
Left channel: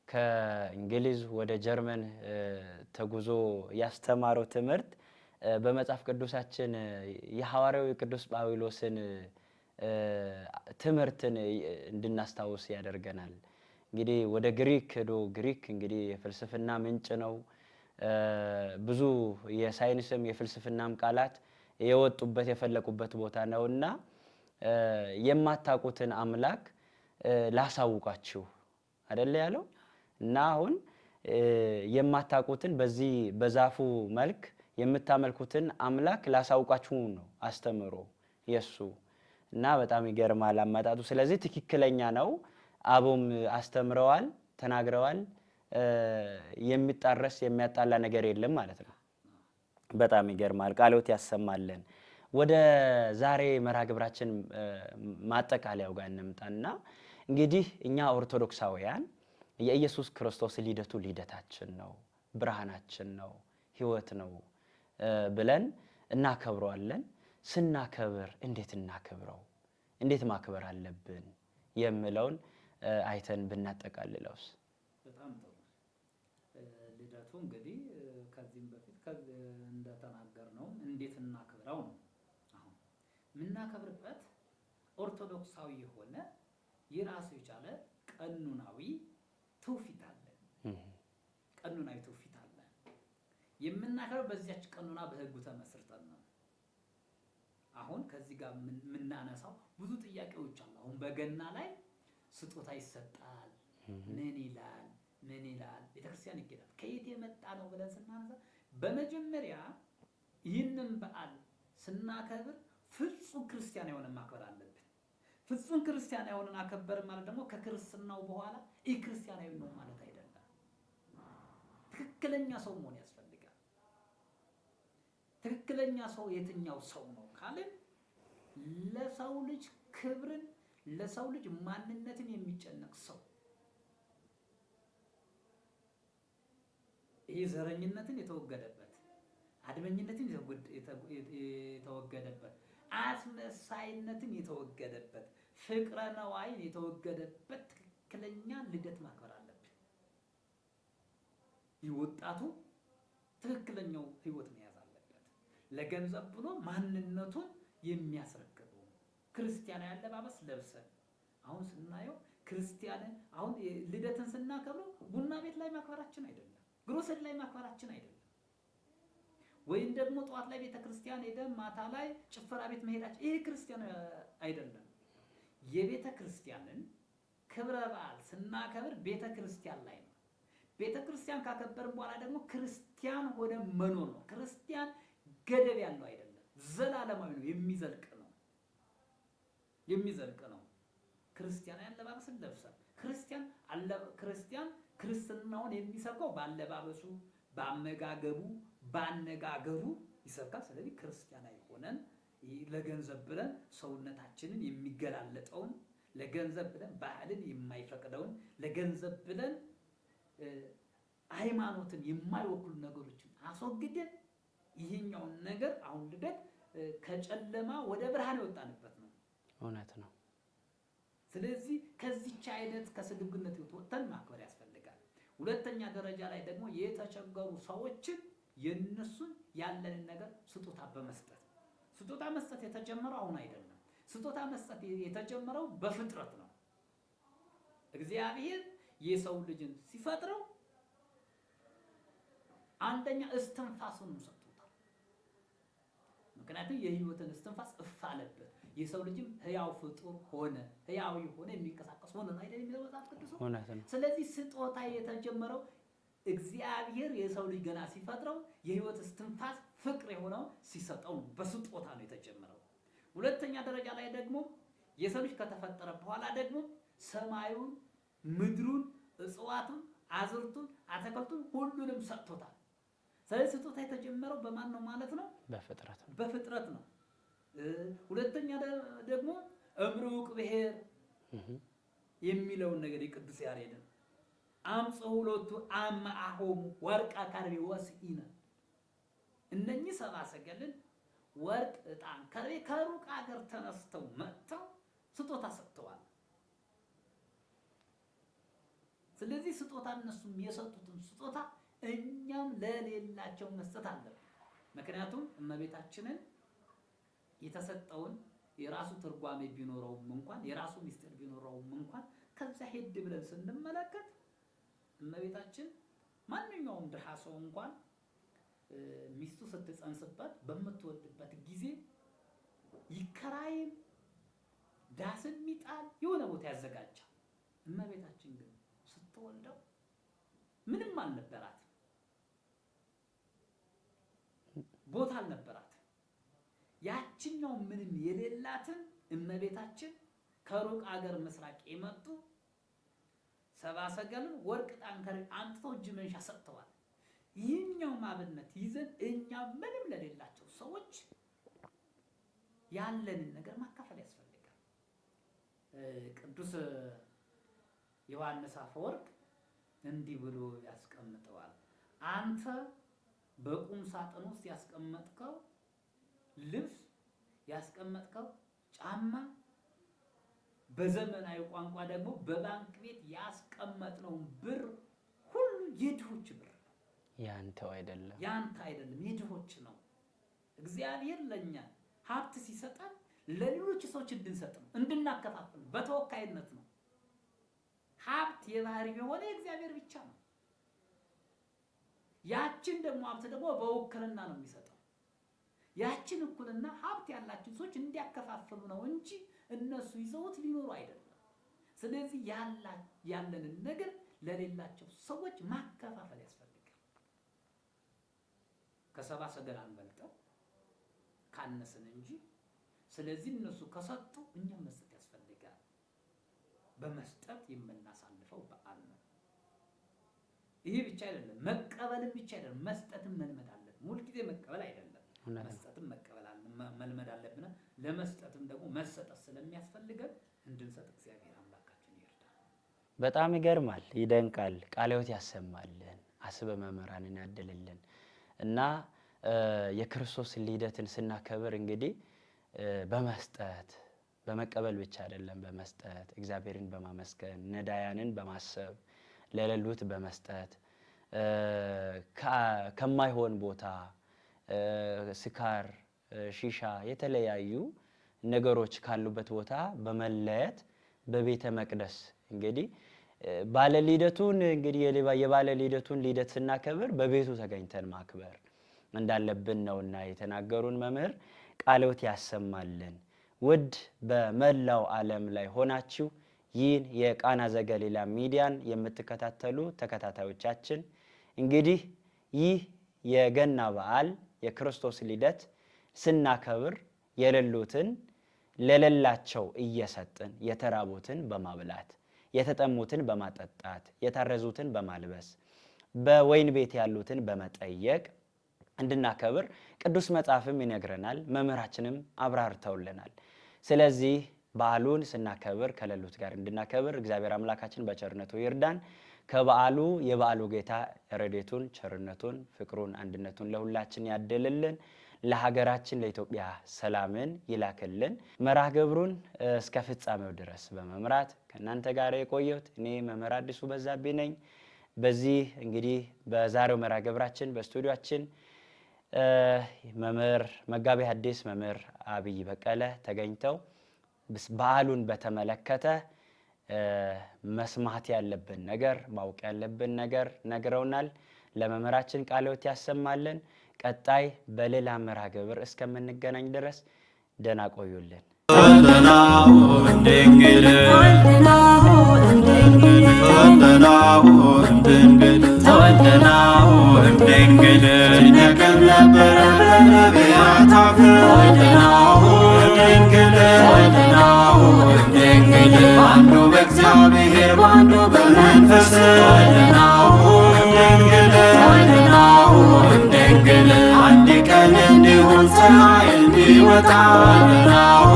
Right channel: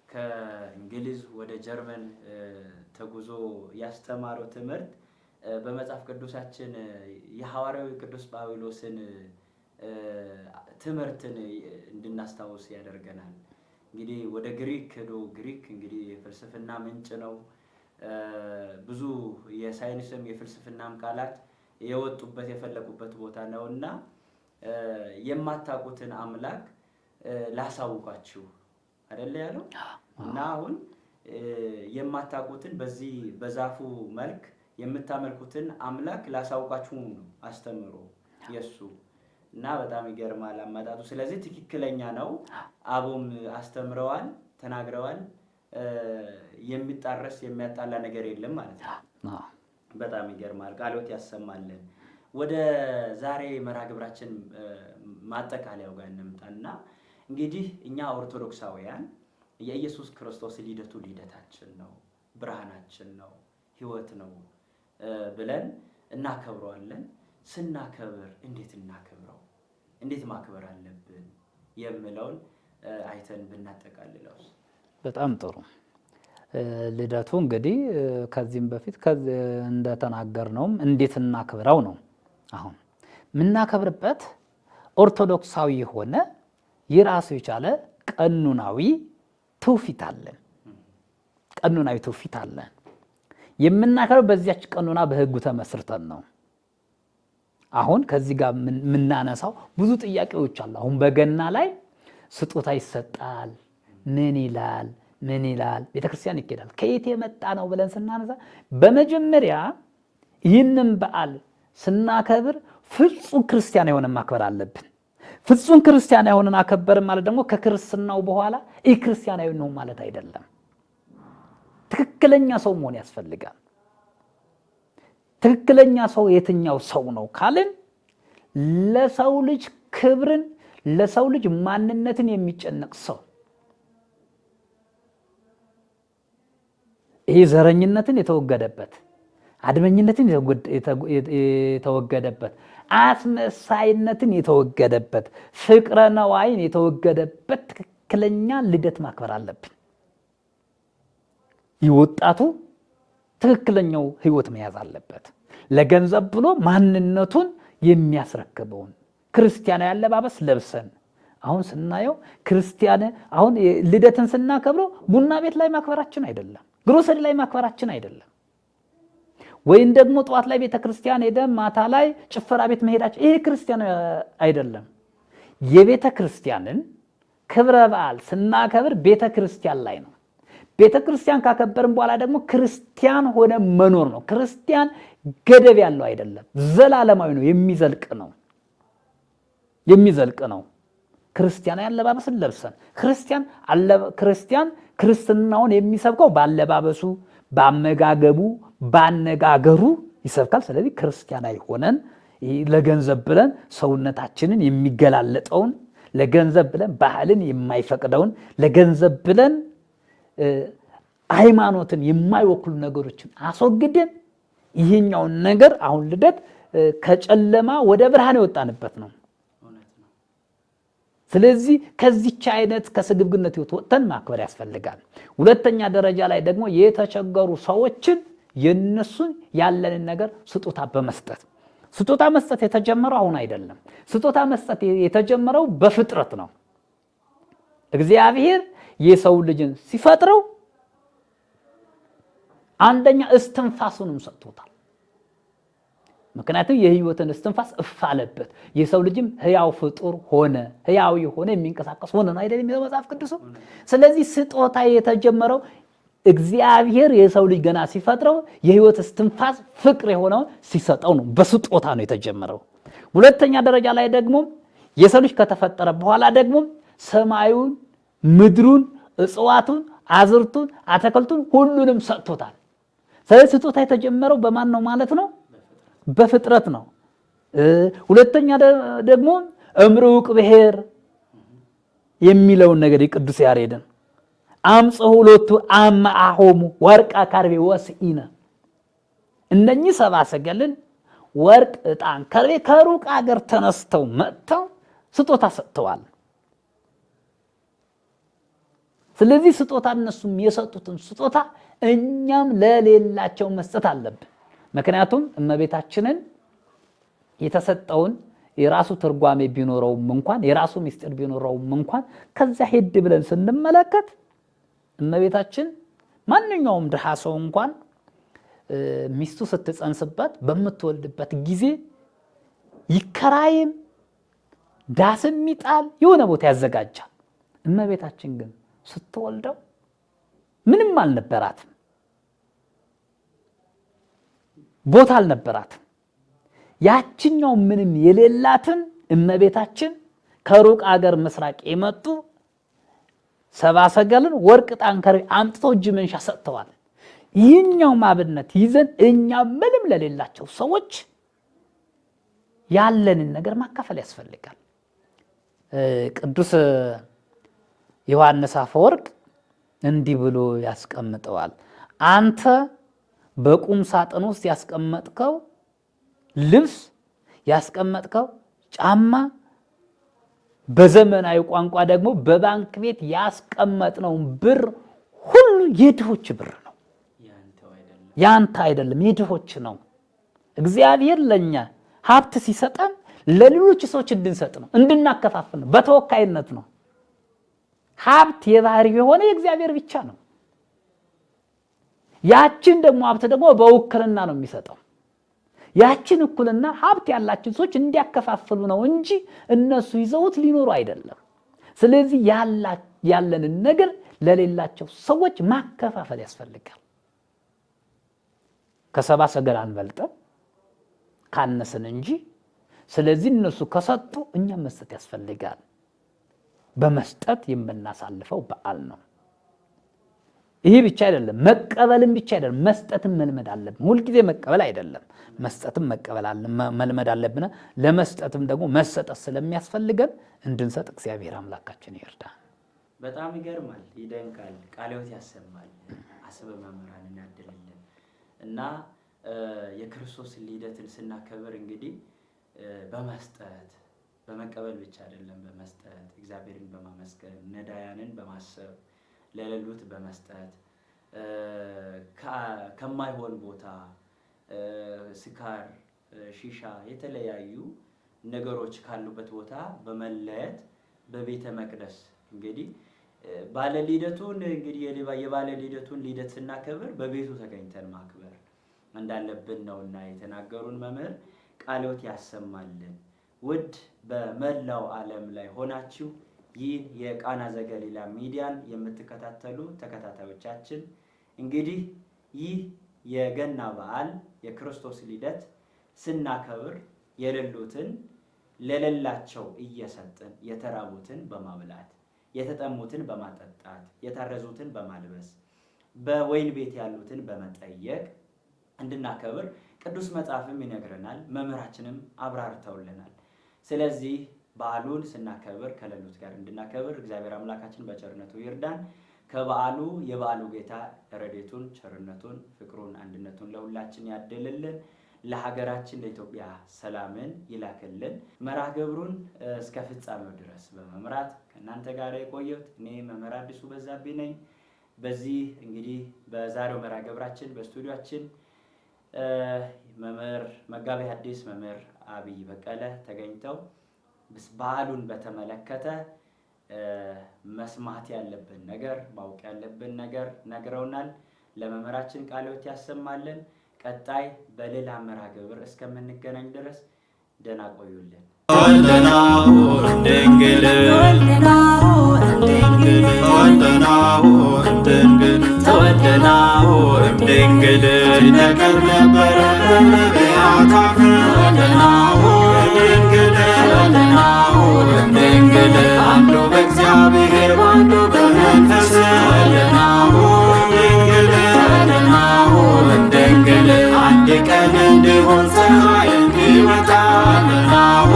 ከእንግሊዝ ወደ ጀርመን ተጉዞ ያስተማረው ትምህርት በመጽሐፍ ቅዱሳችን የሐዋርያው ቅዱስ ጳውሎስን ትምህርትን እንድናስታውስ ያደርገናል። እንግዲህ ወደ ግሪክ ሄዶ ግሪክ እንግዲህ የፍልስፍና ምንጭ ነው። ብዙ የሳይንስም የፍልስፍናም ቃላት የወጡበት የፈለቁበት ቦታ ነውና የማታውቁትን አምላክ ላሳውቃችሁ አይደለ ያለው። እና አሁን የማታውቁትን በዚህ በዛፉ መልክ የምታመልኩትን አምላክ ላሳውቃችሁ ነው አስተምሮ የሱ እና በጣም ይገርማል አመጣጡ። ስለዚህ ትክክለኛ ነው። አቡም አስተምረዋል፣ ተናግረዋል። የሚጣረስ የሚያጣላ ነገር የለም ማለት ነው። በጣም ይገርማል። ቃልዎት ያሰማልን። ወደ ዛሬ መርሃ ግብራችን ማጠቃለያው ጋር እንምጣና እንግዲህ እኛ ኦርቶዶክሳውያን የኢየሱስ ክርስቶስ ልደቱ ልደታችን ነው፣ ብርሃናችን ነው፣ ሕይወት ነው ብለን እናከብረዋለን። ስናከብር እንዴት እናከብረው፣ እንዴት ማክበር አለብን የሚለውን አይተን ብናጠቃልለውስ? በጣም ጥሩ። ልደቱ እንግዲህ ከዚህም በፊት እንደተናገርነውም እንዴት እናክብረው ነው። አሁን የምናከብርበት ኦርቶዶክሳዊ የሆነ የራሱ የቻለ ቀኑናዊ ትውፊት አለን። ቀኑናዊ ትውፊት አለን። የምናከብረው በዚያች ቀኑና በሕጉ ተመስርተን ነው። አሁን ከዚህ ጋር የምናነሳው ብዙ ጥያቄዎች አሉ። አሁን በገና ላይ ስጦታ ይሰጣል። ምን ይላል ምን ይላል? ቤተክርስቲያን ይኬዳል። ከየት የመጣ ነው ብለን ስናነሳ በመጀመሪያ ይህንን በዓል ስናከብር ፍጹም ክርስቲያን የሆነ ማክበር አለብን። ፍጹም ክርስቲያን የሆነን አከበርን ማለት ደግሞ ከክርስትናው በኋላ ክርስቲያናዊ ነው ማለት አይደለም። ትክክለኛ ሰው መሆን ያስፈልጋል። ትክክለኛ ሰው የትኛው ሰው ነው ካልን ለሰው ልጅ ክብርን፣ ለሰው ልጅ ማንነትን የሚጨነቅ ሰው፣ ይህ ዘረኝነትን የተወገደበት፣ አድመኝነትን የተወገደበት፣ አስመሳይነትን የተወገደበት፣ ፍቅረ ነዋይን የተወገደበት ትክክለኛ ልደት ማክበር አለብን። ይህ ወጣቱ ትክክለኛው ህይወት መያዝ አለበት። ለገንዘብ ብሎ ማንነቱን የሚያስረክበውን ክርስቲያናዊ አለባበስ ለብሰን አሁን ስናየው ክርስቲያን አሁን ልደትን ስናከብረው ቡና ቤት ላይ ማክበራችን አይደለም፣ ግሮሰሪ ላይ ማክበራችን አይደለም፣ ወይም ደግሞ ጠዋት ላይ ቤተክርስቲያን ሄደን ማታ ላይ ጭፈራ ቤት መሄዳችን ይሄ ክርስቲያን አይደለም። የቤተክርስቲያንን ክብረ በዓል ስናከብር ቤተክርስቲያን ላይ ነው። ቤተክርስቲያን ካከበርን በኋላ ደግሞ ክርስቲያን ሆነ መኖር ነው። ክርስቲያን ገደብ ያለው አይደለም፣ ዘላለማዊ ነው፣ የሚዘልቅ ነው። ክርስቲያናዊ አለባበስን ለብሰን ክርስቲያን ክርስትናውን የሚሰብከው ባለባበሱ፣ ባመጋገቡ፣ ባነጋገሩ ይሰብካል። ስለዚህ ክርስቲያናዊ ሆነን ለገንዘብ ብለን ሰውነታችንን የሚገላለጠውን፣ ለገንዘብ ብለን ባህልን የማይፈቅደውን፣ ለገንዘብ ብለን ሃይማኖትን የማይወክሉ ነገሮችን አስወግደን ይሄኛውን ነገር አሁን ልደት ከጨለማ ወደ ብርሃን የወጣንበት ነው። ስለዚህ ከዚች አይነት ከስግብግነት ህይወት ወጥተን ማክበር ያስፈልጋል። ሁለተኛ ደረጃ ላይ ደግሞ የተቸገሩ ሰዎችን የነሱን ያለንን ነገር ስጦታ በመስጠት ስጦታ መስጠት የተጀመረው አሁን አይደለም። ስጦታ መስጠት የተጀመረው በፍጥረት ነው። እግዚአብሔር የሰው ልጅን ሲፈጥረው አንደኛ እስትንፋሱንም ሰጥቶታል። ምክንያቱም የህይወትን እስትንፋስ እፍ አለበት። የሰው ልጅም ህያው ፍጡር ሆነ፣ ህያው የሆነ የሚንቀሳቀስ ሆነ ነው አይደል የሚለው መጽሐፍ ቅዱስ። ስለዚህ ስጦታ የተጀመረው እግዚአብሔር የሰው ልጅ ገና ሲፈጥረው የህይወት እስትንፋስ ፍቅር የሆነው ሲሰጠው ነው። በስጦታ ነው የተጀመረው። ሁለተኛ ደረጃ ላይ ደግሞ የሰው ልጅ ከተፈጠረ በኋላ ደግሞ ሰማዩን፣ ምድሩን፣ እጽዋቱን፣ አዝርቱን፣ አትክልቱን ሁሉንም ሰጥቶታል። ስለዚህ ስጦታ የተጀመረው በማን ነው ማለት ነው? በፍጥረት ነው። ሁለተኛ ደግሞ እምርውቅ ብሔር የሚለውን ነገር የቅዱስ ያሬድን አምጽሑ ሎቱ አምአሆሙ ወርቀ ከርቤ ወስኢነ እነኚህ ሰብአ ሰገልን ወርቅ ዕጣን ከርቤ ከሩቅ አገር ተነስተው መጥተው ስጦታ ሰጥተዋል። ስለዚህ ስጦታ እነሱም የሰጡትን ስጦታ እኛም ለሌላቸው መስጠት አለብን። ምክንያቱም እመቤታችንን የተሰጠውን የራሱ ትርጓሜ ቢኖረውም እንኳን የራሱ ምስጢር ቢኖረውም እንኳን ከዛ ሄድ ብለን ስንመለከት እመቤታችን ማንኛውም ድሃ ሰው እንኳን ሚስቱ ስትጸንስበት በምትወልድበት ጊዜ ይከራይም ዳስም ይጣል የሆነ ቦታ ያዘጋጃል። እመቤታችን ግን ስትወልደው ምንም አልነበራትም፣ ቦታ አልነበራትም። ያችኛው ምንም የሌላትን እመቤታችን ከሩቅ አገር ምስራቅ የመጡ ሰብአ ሰገልን ወርቅ ዕጣን ከርቤ አምጥተው እጅ መንሻ ሰጥተዋል። ይህኛው ማብነት ይዘን እኛ ምንም ለሌላቸው ሰዎች ያለንን ነገር ማካፈል ያስፈልጋል። ቅዱስ ዮሐንስ አፈወርቅ እንዲህ ብሎ ያስቀምጠዋል። አንተ በቁም ሳጥን ውስጥ ያስቀመጥከው ልብስ፣ ያስቀመጥከው ጫማ፣ በዘመናዊ ቋንቋ ደግሞ በባንክ ቤት ያስቀመጥነውን ብር ሁሉ የድሆች ብር ነው፣ ያንተ አይደለም፣ የድሆች ነው። እግዚአብሔር ለኛ ሀብት ሲሰጠን ለሌሎች ሰዎች እንድንሰጥ ነው፣ እንድናከፋፍል ነው፣ በተወካይነት ነው። ሀብት የባህሪ የሆነ የእግዚአብሔር ብቻ ነው። ያችን ደግሞ ሀብት ደግሞ በውክልና ነው የሚሰጠው። ያችን እኩልና ሀብት ያላቸው ሰዎች እንዲያከፋፍሉ ነው እንጂ እነሱ ይዘውት ሊኖሩ አይደለም። ስለዚህ ያለንን ነገር ለሌላቸው ሰዎች ማከፋፈል ያስፈልጋል። ከሰብአ ሰገል አንበልጥም ካነስን እንጂ። ስለዚህ እነሱ ከሰጡ እኛም መስጠት ያስፈልጋል። በመስጠት የምናሳልፈው በዓል ነው። ይሄ ብቻ አይደለም፣ መቀበልም ብቻ አይደለም፣ መስጠትም መልመድ አለብን። ሁልጊዜ መቀበል አይደለም፣ መስጠትም መልመድ አለብን። ለመስጠትም ደግሞ መሰጠት ስለሚያስፈልገን እንድንሰጥ እግዚአብሔር አምላካችን ይርዳል። በጣም ይገርማል፣ ይደንቃል። ቃለ ሕይወት ያሰማል፣ አስበ መምህራንን ያድልልን እና የክርስቶስ ልደትን ስናከብር እንግዲህ በመስጠት በመቀበል ብቻ አይደለም፣ በመስጠት እግዚአብሔርን በማመስገን ነዳያንን በማሰብ ለሌሉት በመስጠት ከማይሆን ቦታ ስካር፣ ሺሻ፣ የተለያዩ ነገሮች ካሉበት ቦታ በመለየት በቤተ መቅደስ እንግዲህ ባለ ልደቱን እንግዲህ የባለ ልደቱን ልደት ስናከብር በቤቱ ተገኝተን ማክበር እንዳለብን ነውና የተናገሩን መምህር ቃለ ሕይወት ያሰማልን። ውድ በመላው ዓለም ላይ ሆናችሁ ይህን የቃና ዘገሊላ ሚዲያን የምትከታተሉ ተከታታዮቻችን እንግዲህ ይህ የገና በዓል የክርስቶስ ልደት ስናከብር የሌሉትን ለሌላቸው እየሰጥን የተራቡትን በማብላት የተጠሙትን በማጠጣት የታረዙትን በማልበስ በወይን ቤት ያሉትን በመጠየቅ እንድናከብር ቅዱስ መጽሐፍም ይነግረናል፣ መምህራችንም አብራርተውልናል። ስለዚህ በዓሉን ስናከብር ከሌሉት ጋር እንድናከብር እግዚአብሔር አምላካችን በቸርነቱ ይርዳን። ከበዓሉ የበዓሉ ጌታ ረድኤቱን፣ ቸርነቱን፣ ፍቅሩን፣ አንድነቱን ለሁላችን ያድልልን። ለሀገራችን ለኢትዮጵያ ሰላምን ይላክልን። መርሐ ግብሩን እስከ ፍጻሜው ድረስ በመምራት ከእናንተ ጋር የቆየሁት እኔ መምህር አዲሱ በዛብህ ነኝ። በዚህ እንግዲህ በዛሬው መርሐ ግብራችን በስቱዲዮአችን መምህር መጋቤ ሐዲስ መምህር አብይ በቀለ ተገኝተው በዓሉን በተመለከተ መስማት ያለብን ነገር ማወቅ ያለብን ነገር ነግረውናል። ለመምህራችን ቃለ ሕይወት ያሰማልን። ቀጣይ በሌላ መርሐ ግብር እስከምንገናኝ ድረስ ደህና ቆዩልን። ተወልደናሁ እምድንግል ሲነገር ነበረ በነቢያት አፍ ተወልደናሁ እምድንግል አንዱ በእግዚአብሔር አንዱ በመንፈስ ተወልደናሁ እምድንግል አንድ ቀን እንዲሆን ፀሐይ እንዲወጣ ተወልደናሁ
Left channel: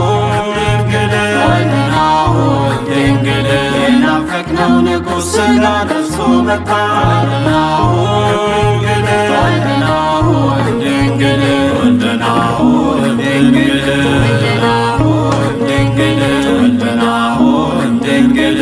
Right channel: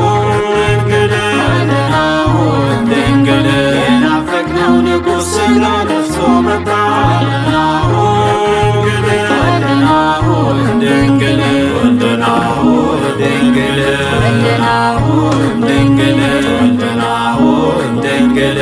እምድንግል የናፈቅነው ንጉሥ ሥጋ ለብሶ መጣ። ወልደናሁ ድንግል ወልደናሁ ድንግል ወልደናሁ ድንግል ወልደናሁ ድንግል